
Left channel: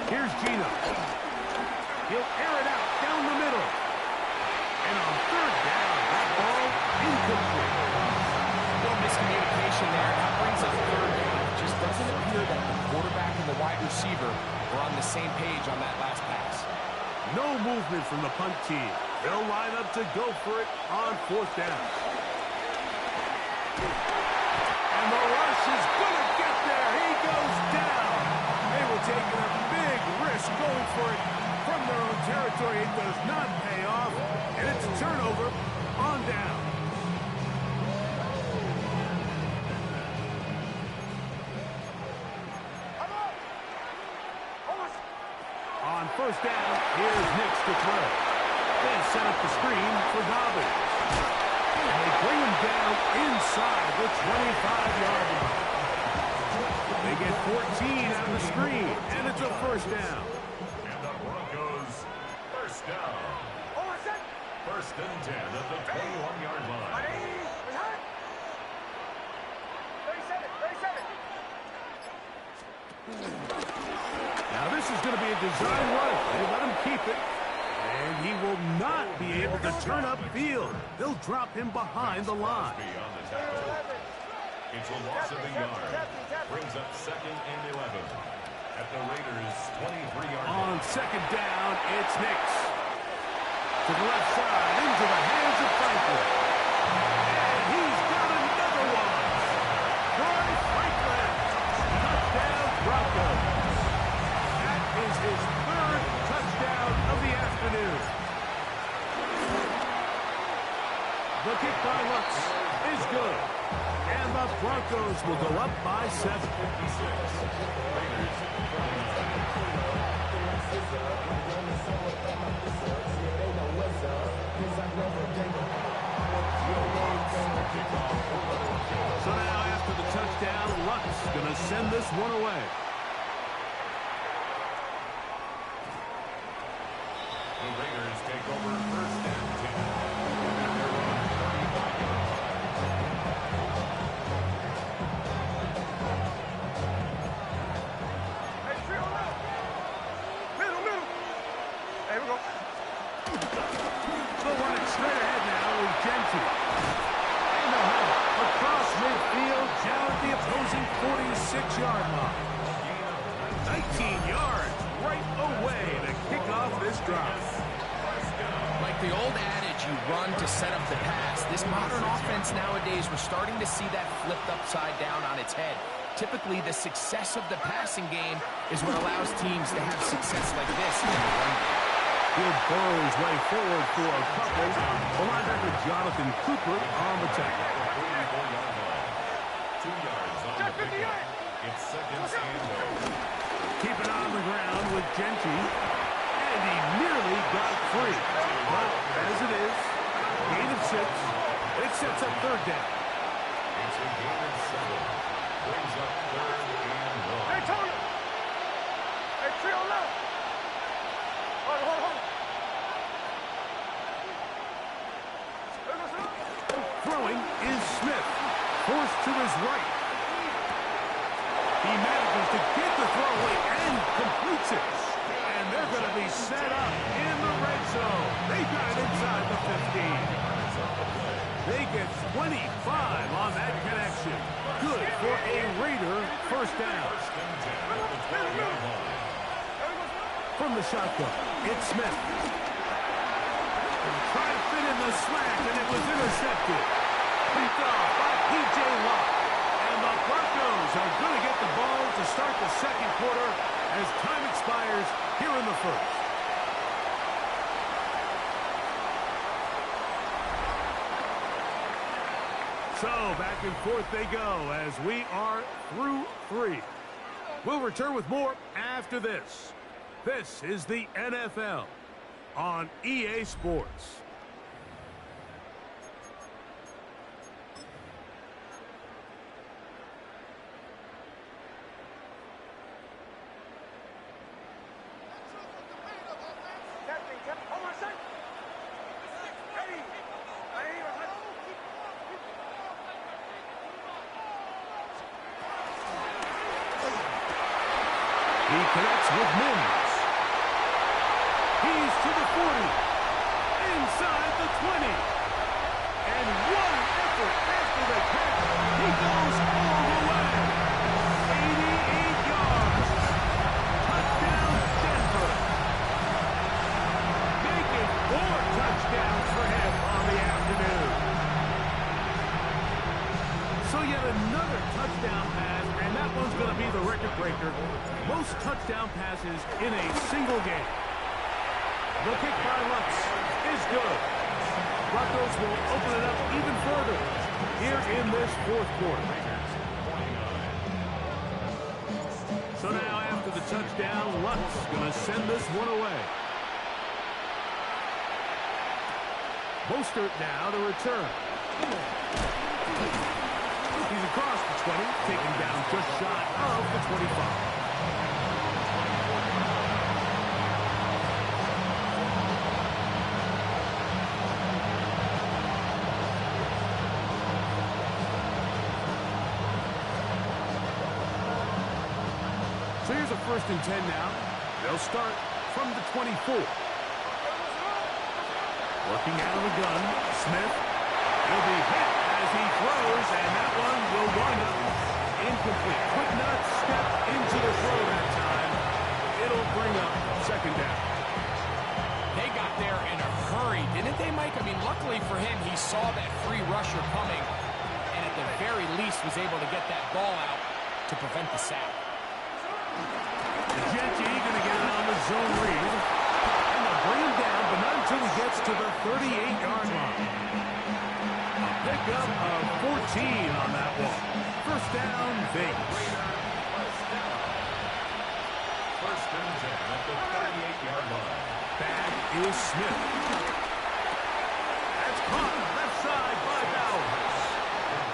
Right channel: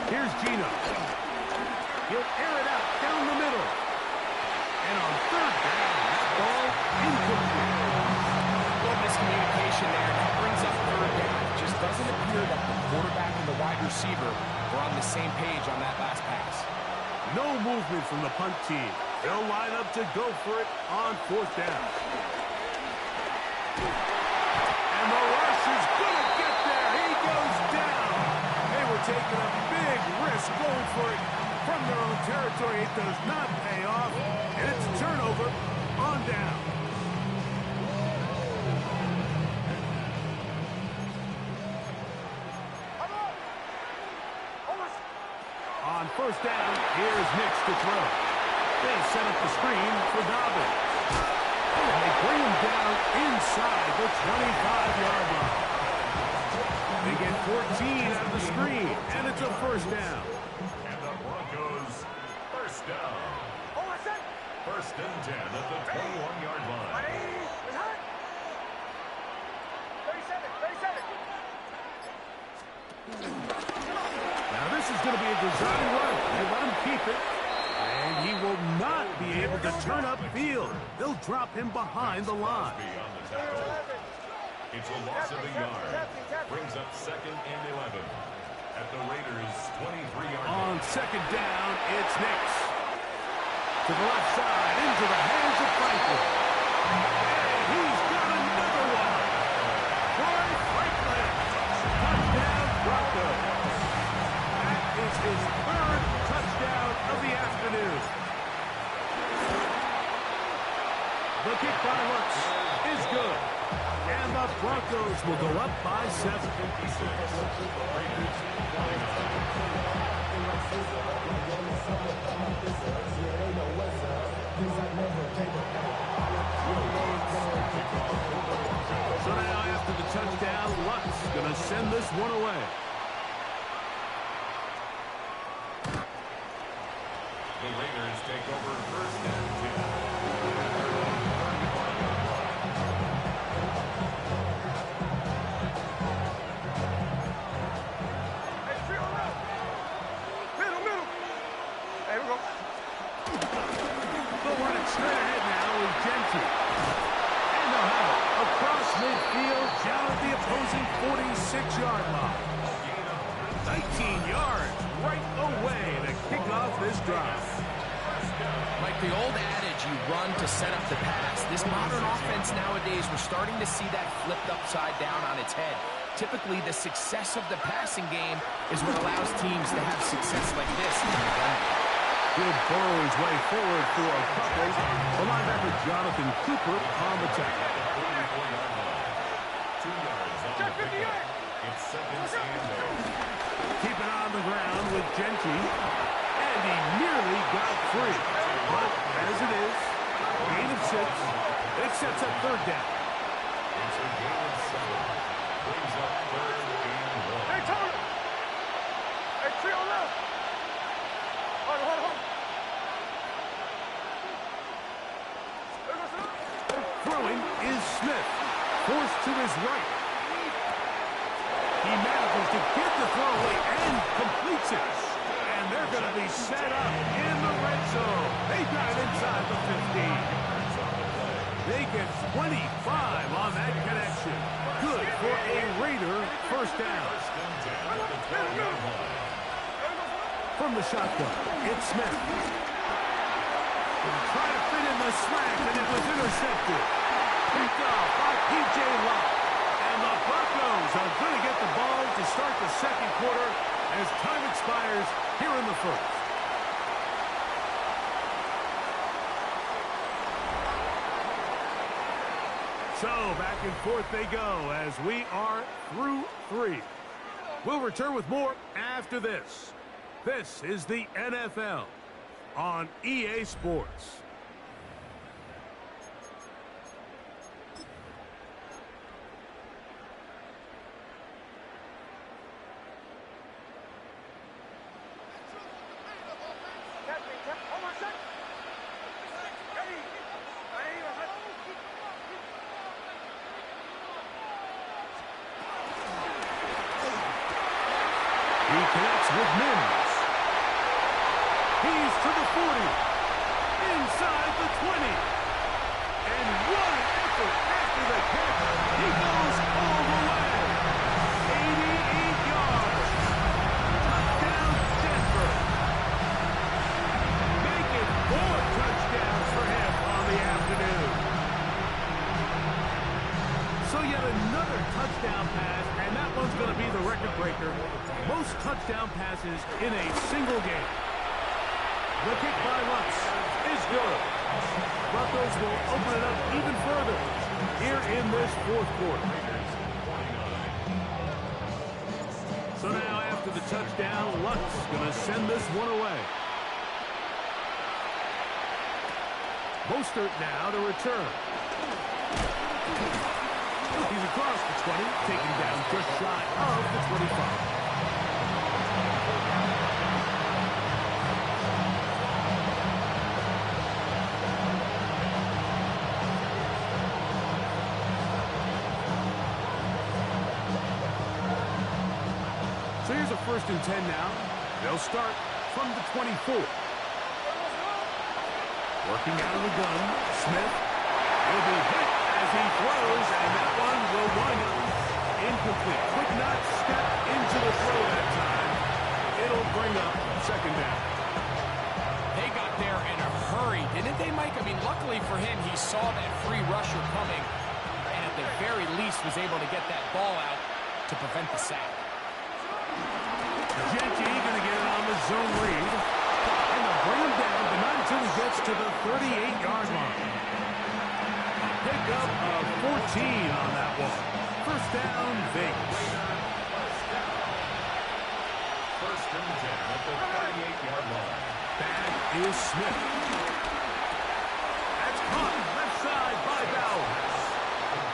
Here's Gino. He'll air it out down the middle. And on third down, that ball incomplete. Little miscommunication there. Now brings up third down. It just doesn't appear that the quarterback and the wide receiver were on the same page on that last pass. No movement from the punt team. They'll line up to go for it on fourth down. And the rush is going to get there. He goes down. They were taking a big risk going for it from their own territory. It does not pay off, and it's a turnover on down. On first down, here's Nix to throw. They set up the screen for Dobbins. And they bring him down inside the 25-yard line. They get 14 out of the screen, and it's a first down. And the Broncos, first down. First and 10 at the 21-yard line. Now this is going to be a design run. They let him keep it. And he will not be able to turn upfield. They'll drop him behind the line. On the tackle. It's a loss of a yard. Brings up second and 11 at the Raiders' 23-yard line. On second down, it's Nix. To the left side, into the hands of Franklin. And he's got another one. Troy Franklin. Touchdown, Broncos. That is his third touchdown of the afternoon. The kick by Lutz is good. And the Broncos will go up by 7. 56. Raiders holding So now after the touchdown, Lutz going to send this one away. The Raiders take over first and 10 at their own 35-yard line. Hey, we go. They'll run it straight ahead now with Genty. And they'll have it across midfield down at the opposing 46-yard line. 19 yards right away to kick off this drive. Like the old adage, you run to set up the pass. This modern offense nowadays, we're starting to see that flipped upside down on its head. Typically, the success of the passing game is what allows teams to have success like this in the run game. He'll burrow his way forward for a couple. The linebacker Jonathan Cooper on the tackle. 44-yard line. 2 yards on the pickup. It's second and 0. Keep it on the ground with Genty. And he nearly got free. But as it is, gain of 6. It sets up third down. It's a gain of 7. Brings up third and 1. Hey, Tony! Hey, trio left! Hold on. Throwing is Smith. Forced to his right. He manages to get the throw away and completes it. And they're going to be set up in the red zone. They got it inside the 15. They get 25 on that connection. Good for a Raider first down. First and 10 at the 12-yard line. From the shotgun, it's Smith. Trying to fit in the slant, and it was intercepted. Picked off by P.J. Locke. And the Broncos are going to get the ball to start the second quarter as time expires here in the first. So back and forth they go as we are through 3. We'll return with more after this. This is the NFL on EA Sports. He connects with Mims. He's to the 40. Inside the 20. And what an effort after the catch. He goes all the way. 88 yards. Touchdown, Denver. Make it 4 touchdowns for him on the afternoon. So yet another touchdown pass, and that one's going to be the record breaker. Most touchdown passes in a single game. The kick by Lutz is good. Broncos will open it up even further here in this 4th quarter. So now after the touchdown, Lutz is going to send this one away. Mostert now to return. He's across the 20, taken down just shy of the 25. So here's a 1st and 10 now. They'll start from the 24. Working out of the gun, Smith. He'll be hit as he throws, and that one will wind up incomplete. Could not step into the throw that time. It'll bring up 2nd down. They got there in a hurry, didn't they, Mike? I mean, luckily for him, he saw that free rusher coming, and at the very least was able to get that ball out to prevent the sack. Genty going to get it on the zone read. And they'll bring him down, but not until he gets to the 38-yard line. A pickup of 14 on that one. 1st down, Vegas. 1st and 10 at the 38-yard line. Back is Smith. That's caught left side by Bowers.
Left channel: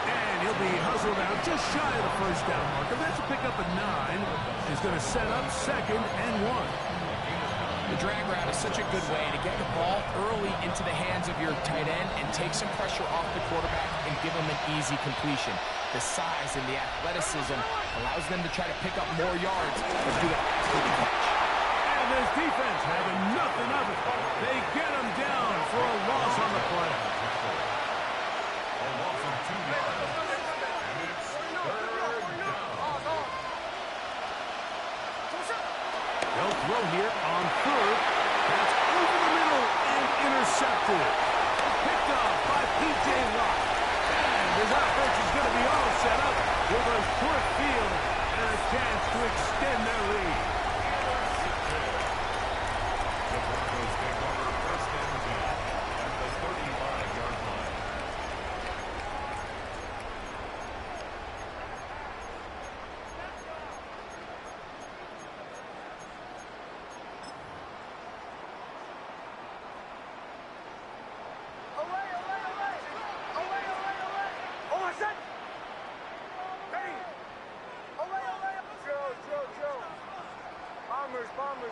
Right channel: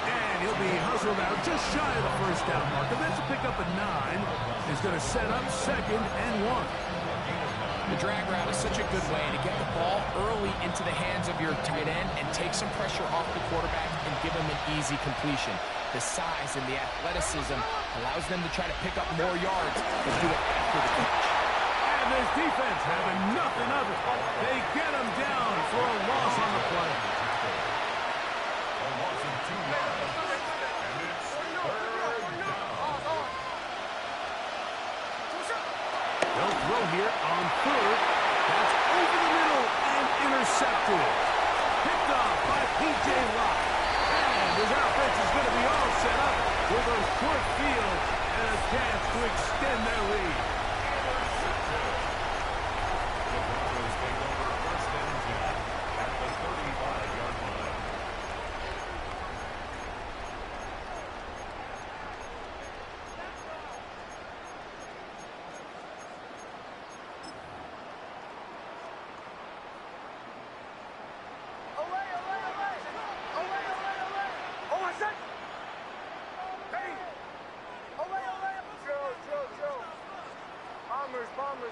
And he'll be hustled out just shy of the 1st down marker. That's a pickup of 9. Is going to set up 2nd and 1. The drag route is such a good way to get the ball early into the hands of your tight end and take some pressure off the quarterback and give him an easy completion. The size and the athleticism allows them to try to pick up more yards, but do it after the catch. And this defense having nothing of it. They get him down for a loss on the play. A loss of 2 yards. And it's 3rd down. They'll throw here on 3rd. That's over the middle and intercepted. Picked off by P.J. Locke. And his offense is going to be all set up with a short field and a chance to extend their lead. The Broncos take over 1st and 10 at the 35-yard line.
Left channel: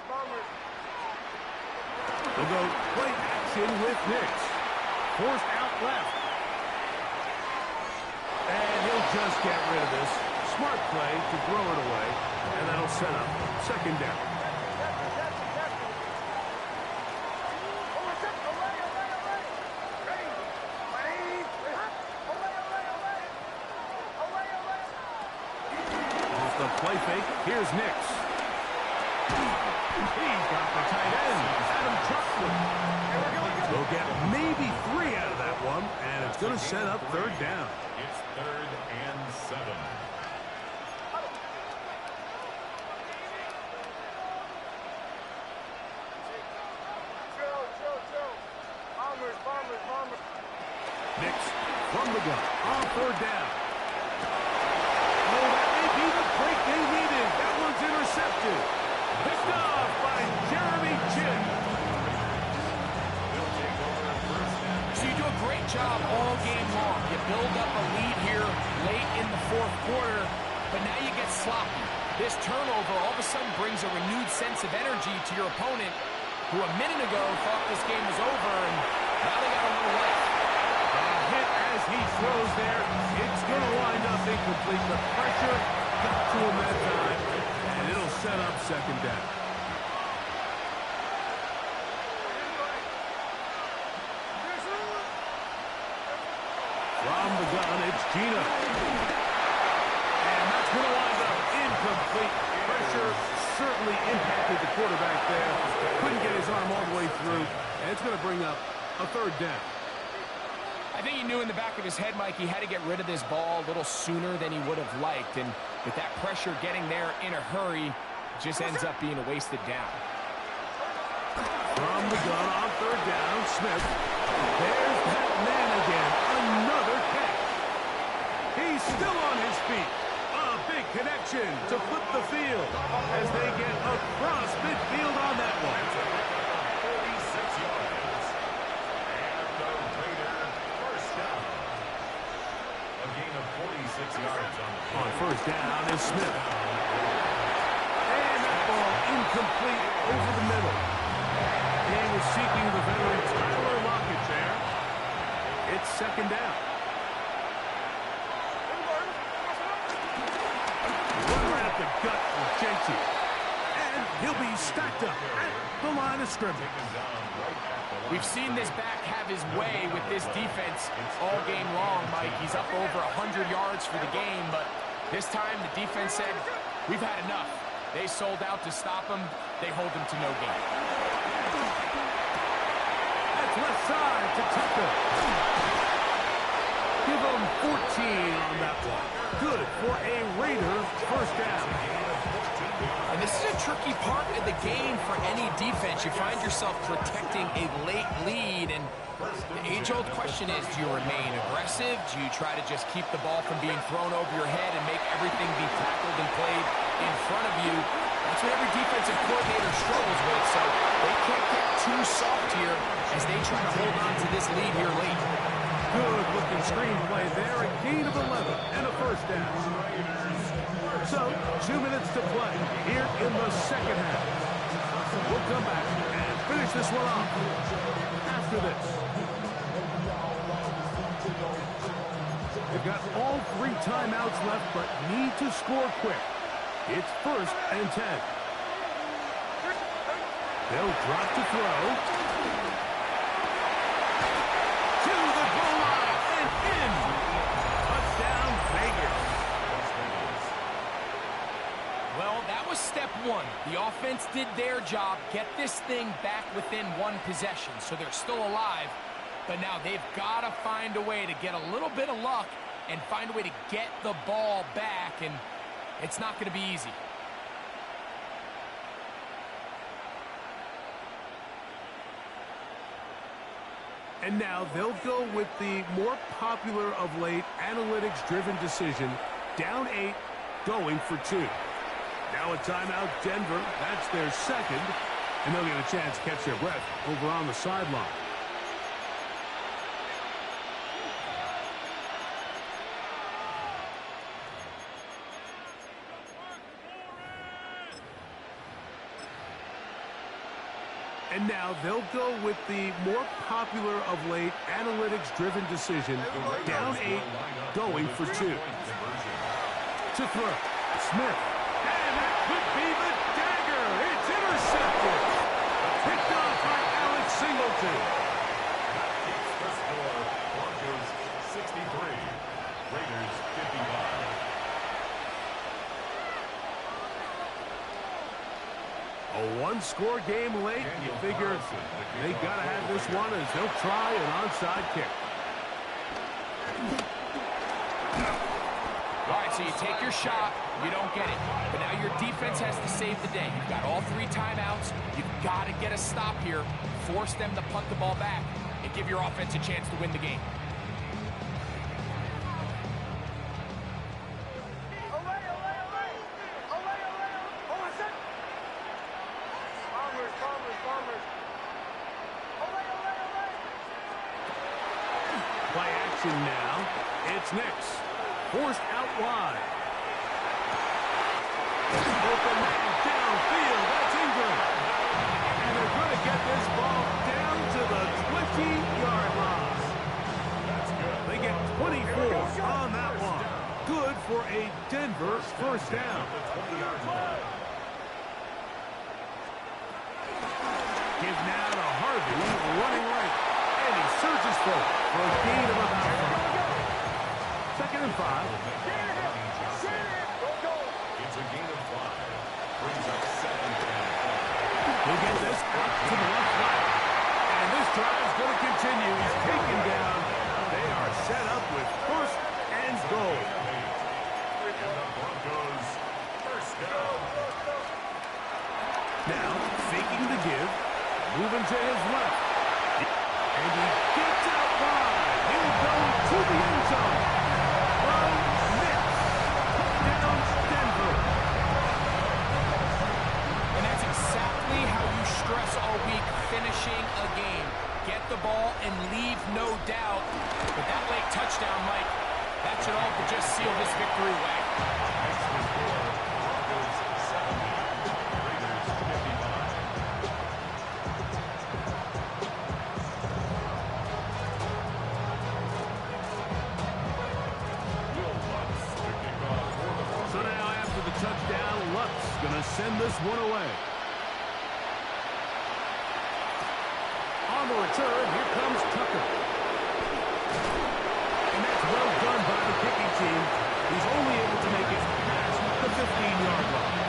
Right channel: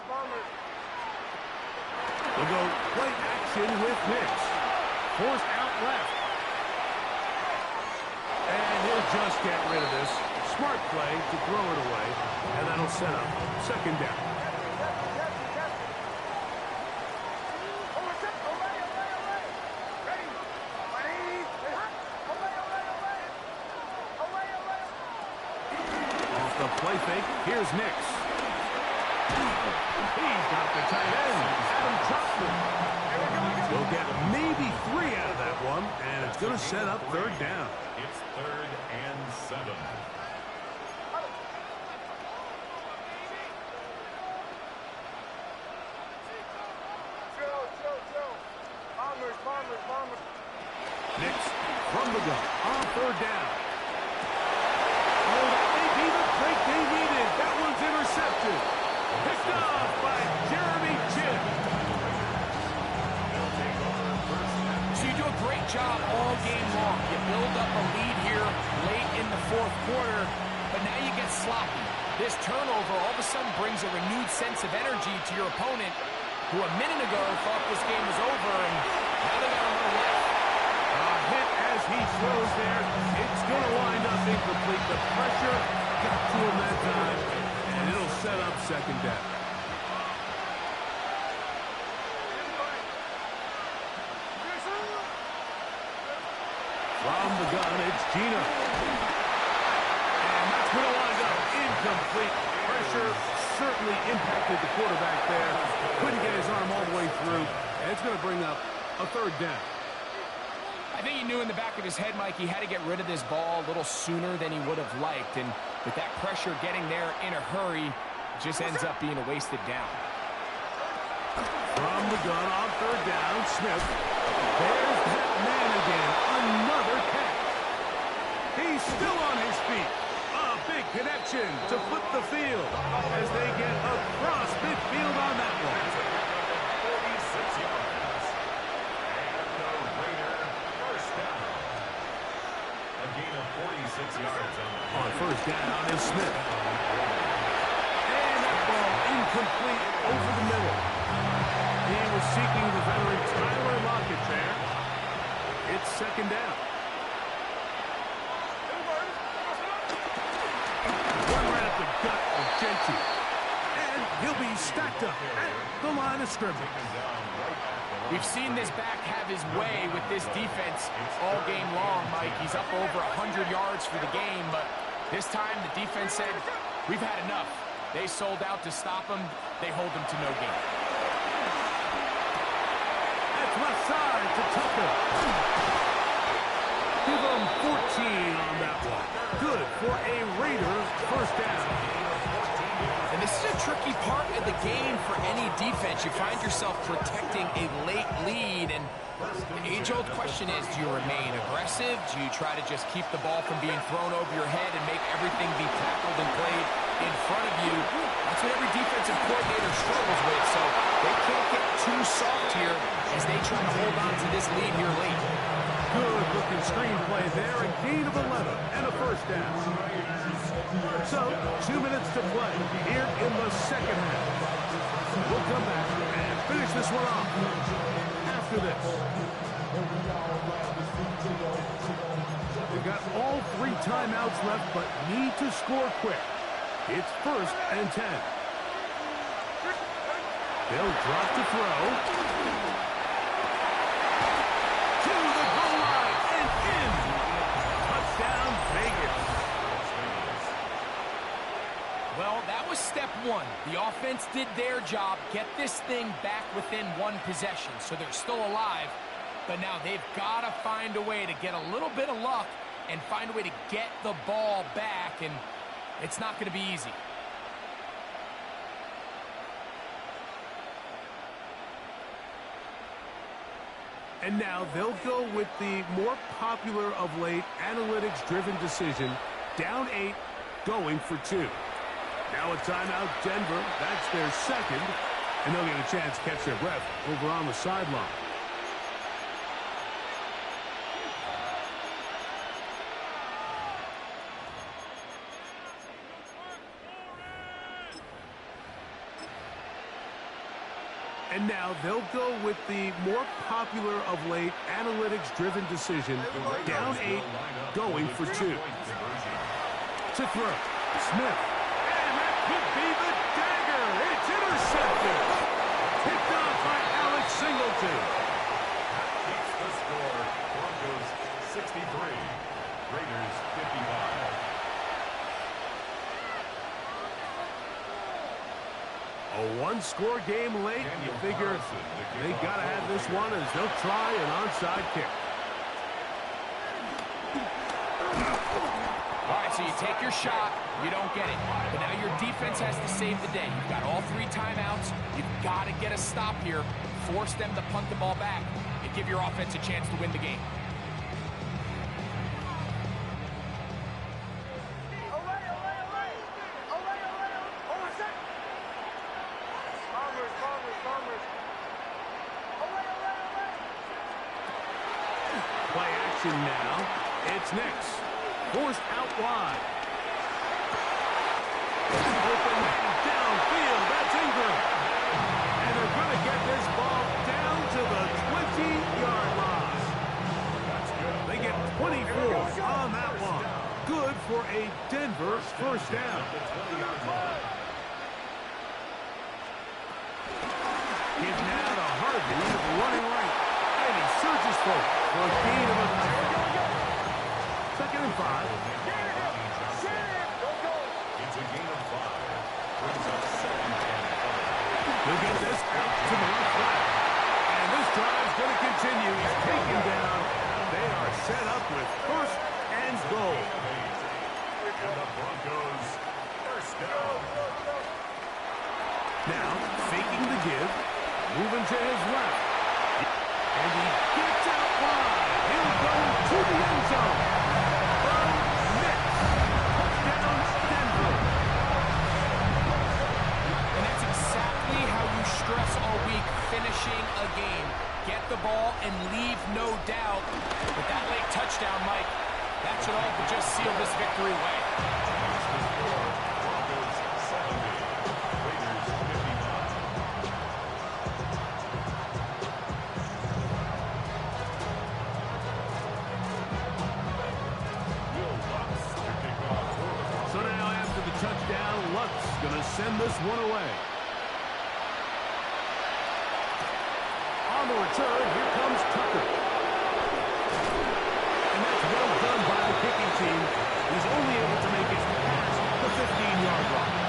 Bombers. They'll go play action with Nix. Forced out left. And he'll just get rid of this. Smart play to throw it away. And that'll set up 2nd down. Off the play fake, here's Nix. He's got the tight end, Adam Troutman. We'll get maybe 3 out of that one, and it's going to set up 3rd down. It's 3rd and 7. Joe. Bombers. Nix from the gun on third down. Oh, that may be the break they needed. That one's intercepted. Picked off by Jeremy Chin. So you do a great job all game long. You build up a lead here late in the fourth quarter, but now you get sloppy. This turnover all of a sudden brings a renewed sense of energy to your opponent, who a minute ago thought this game was over, and now they got a little life. A hit as he throws there. It's going to wind up incomplete. The pressure got to him that time, and it'll set up second down. From the gun, it's Gino. And that's going to wind up incomplete. Pressure certainly impacted the quarterback there. Couldn't get his arm all the way through. And it's going to bring up a third down. I think he knew in the back of his head, Mike, he had to get rid of this ball a little sooner than he would have liked. And with that pressure getting there in a hurry, it just ends up being a wasted down. From the gun on third down, Smith. There's that man again. Another catch. He's still on his feet. A big connection to flip the field as they get across midfield on that one. 46 yards. And the Raider first down. A gain of 46 yards on first down is Smith. And that ball incomplete over the middle. He was seeking the veteran Tyler Lockett there. It's second down. One right up the gut with Genty. And he'll be stacked up at the line of scrimmage. We've seen this back have his way with this defense all game long, Mike. He's up over 100 yards for the game, but this time the defense said, we've had enough. They sold out to stop him. They hold him to no gain. Left side to Tucker. Give him 14 on that one. Good for a Raider first down. And this is a tricky part of the game for any defense. You find yourself protecting a late lead, and the age-old question is, do you remain aggressive? Do you try to just keep the ball from being thrown over your head and make everything be tackled and played in front of you? That's what every defensive coordinator struggles with, so they can't get too soft here as they try to hold on to this lead here late. Good-looking screenplay there, a gain of 11 and a first down. So, 2 minutes to play here in the second half. We'll come back and finish this one off after this. They've got all 3 timeouts left, but need to score quick. It's first and 10. They'll drop to throw. To the goal line and in. Touchdown, Vegas. Well, that was step one. The offense did their job, get this thing back within one possession, so they're still alive. But now they've got to find a way to get a little bit of luck and find a way to get the ball back, and it's not going to be easy. And now they'll go with the more popular of late analytics-driven decision, down 8, going for 2. Now a timeout, Denver. That's their second, and they'll get a chance to catch their breath over on the sideline. And now they'll go with the more popular of late analytics-driven decision, down 8, going for 2. To throw, Smith. And that could be the dagger. It's intercepted. Picked off by Alex Singleton. That keeps the score. Broncos 63, Raiders 55. A one-score game late. You figure they got to have this one as they'll try an onside kick. All right, so you take your shot, you don't get it. But now your defense has to save the day. You've got all 3 timeouts. You've got to get a stop here, force them to punt the ball back, and give your offense a chance to win the game. Play action now. It's Nix. Forced out wide. Open man downfield. That's Ingram. And they're going to get this ball down to the 20-yard line. That's good. They get 24 on that one. Good for a Denver first down. The 20-yard line. Give now to Harvey, running right. And he surges forward for a gain of about 5. Second and 5. It's a gain of 5. Brings up second and 5. He'll get this up to the left flat. And this drive's going to continue. He's taken down. They are set up with first and goal. And the Broncos first down. Now, faking the give. Moving to his left. And he gets out wide. He'll go to the end zone. From Nix. Touchdown, Denver. And that's exactly how you stress all week, finishing a game. Get the ball and leave no doubt. But that late touchdown, Mike, that should all but just seal this victory away. Makes the score Broncos 70. Raiders 55. So now after the touchdown, Luck's going to send this one away. On the return, here comes Tucker. And that's well done by the kicking team. He's only able to make it past the 15-yard line.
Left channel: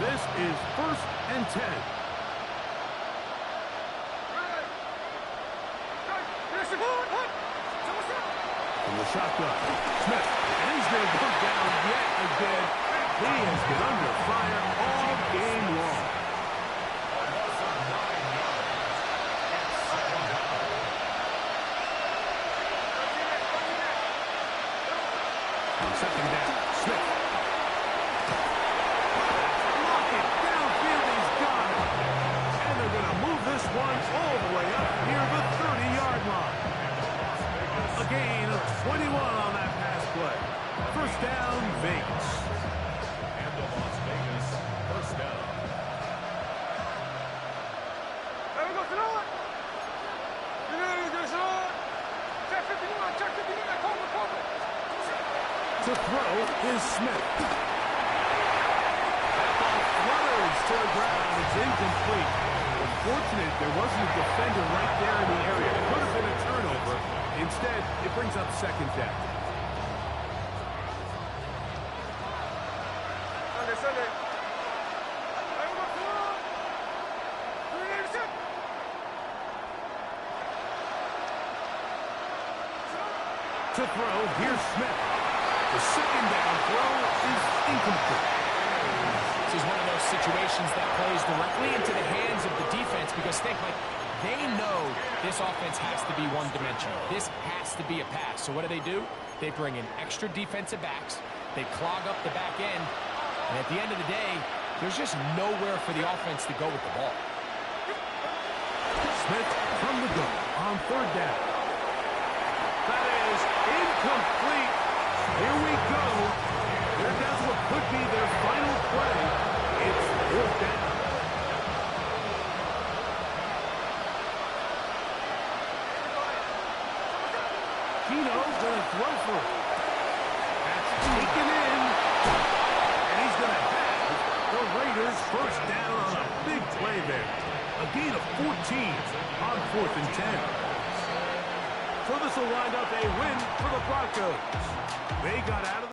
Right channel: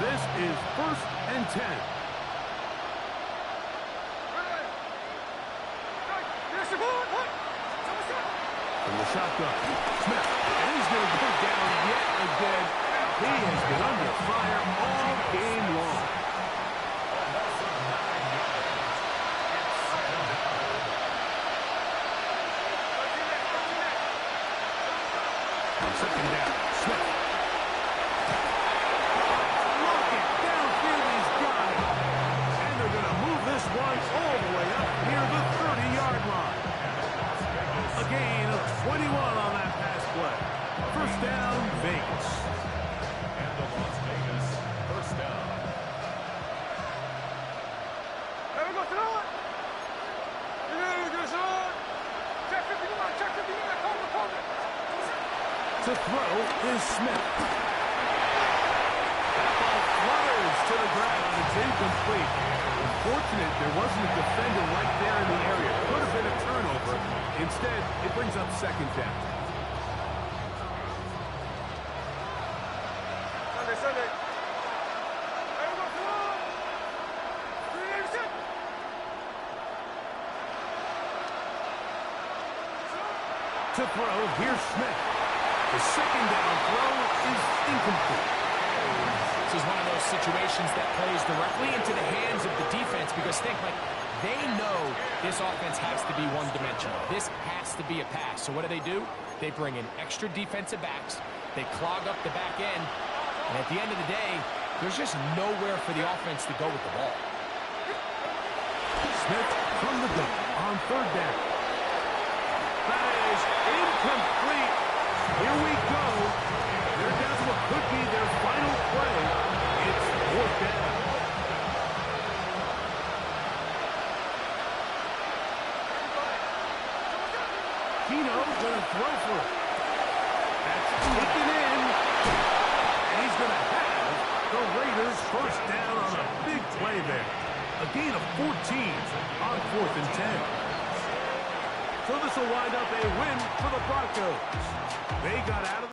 This is first and 10. From the shotgun, Smith, and he's going to go down yet again. He has been under fire all game long. A loss of 9 yards. It's second down. On second down, Smith. Rocket downfield, he's got it. And they're going to move this one all the way up near the 30-yard line. A gain of 21 on that pass play. First down, Vegas. And the Las Vegas first down. There we go, Senor. Check 59, check 59, cover. To throw is Smith. That ball flutters to the ground. It's incomplete. Unfortunate there wasn't a defender right there in the area. Could have been a turnover. Instead, it brings up second down. Sunday. There we go, Senor. 386. To throw, here's Smith. The second down throw is incomplete. This is one of those situations that plays directly into the hands of the defense because think, like, they know this offense has to be one-dimensional. This has to be a pass. So what do? They bring in extra defensive backs. They clog up the back end. And at the end of the day, there's just nowhere for the offense to go with the ball. Smith from the gun on third down. That is incomplete. Here we go. They're down to what could be their final play. It's fourth down. Keno going to throw for it. That's taken in. And he's going to have the Raiders first down on a big play there. A gain of 14 on 4th and 10. So this will wind up a win for the Broncos. They got out of the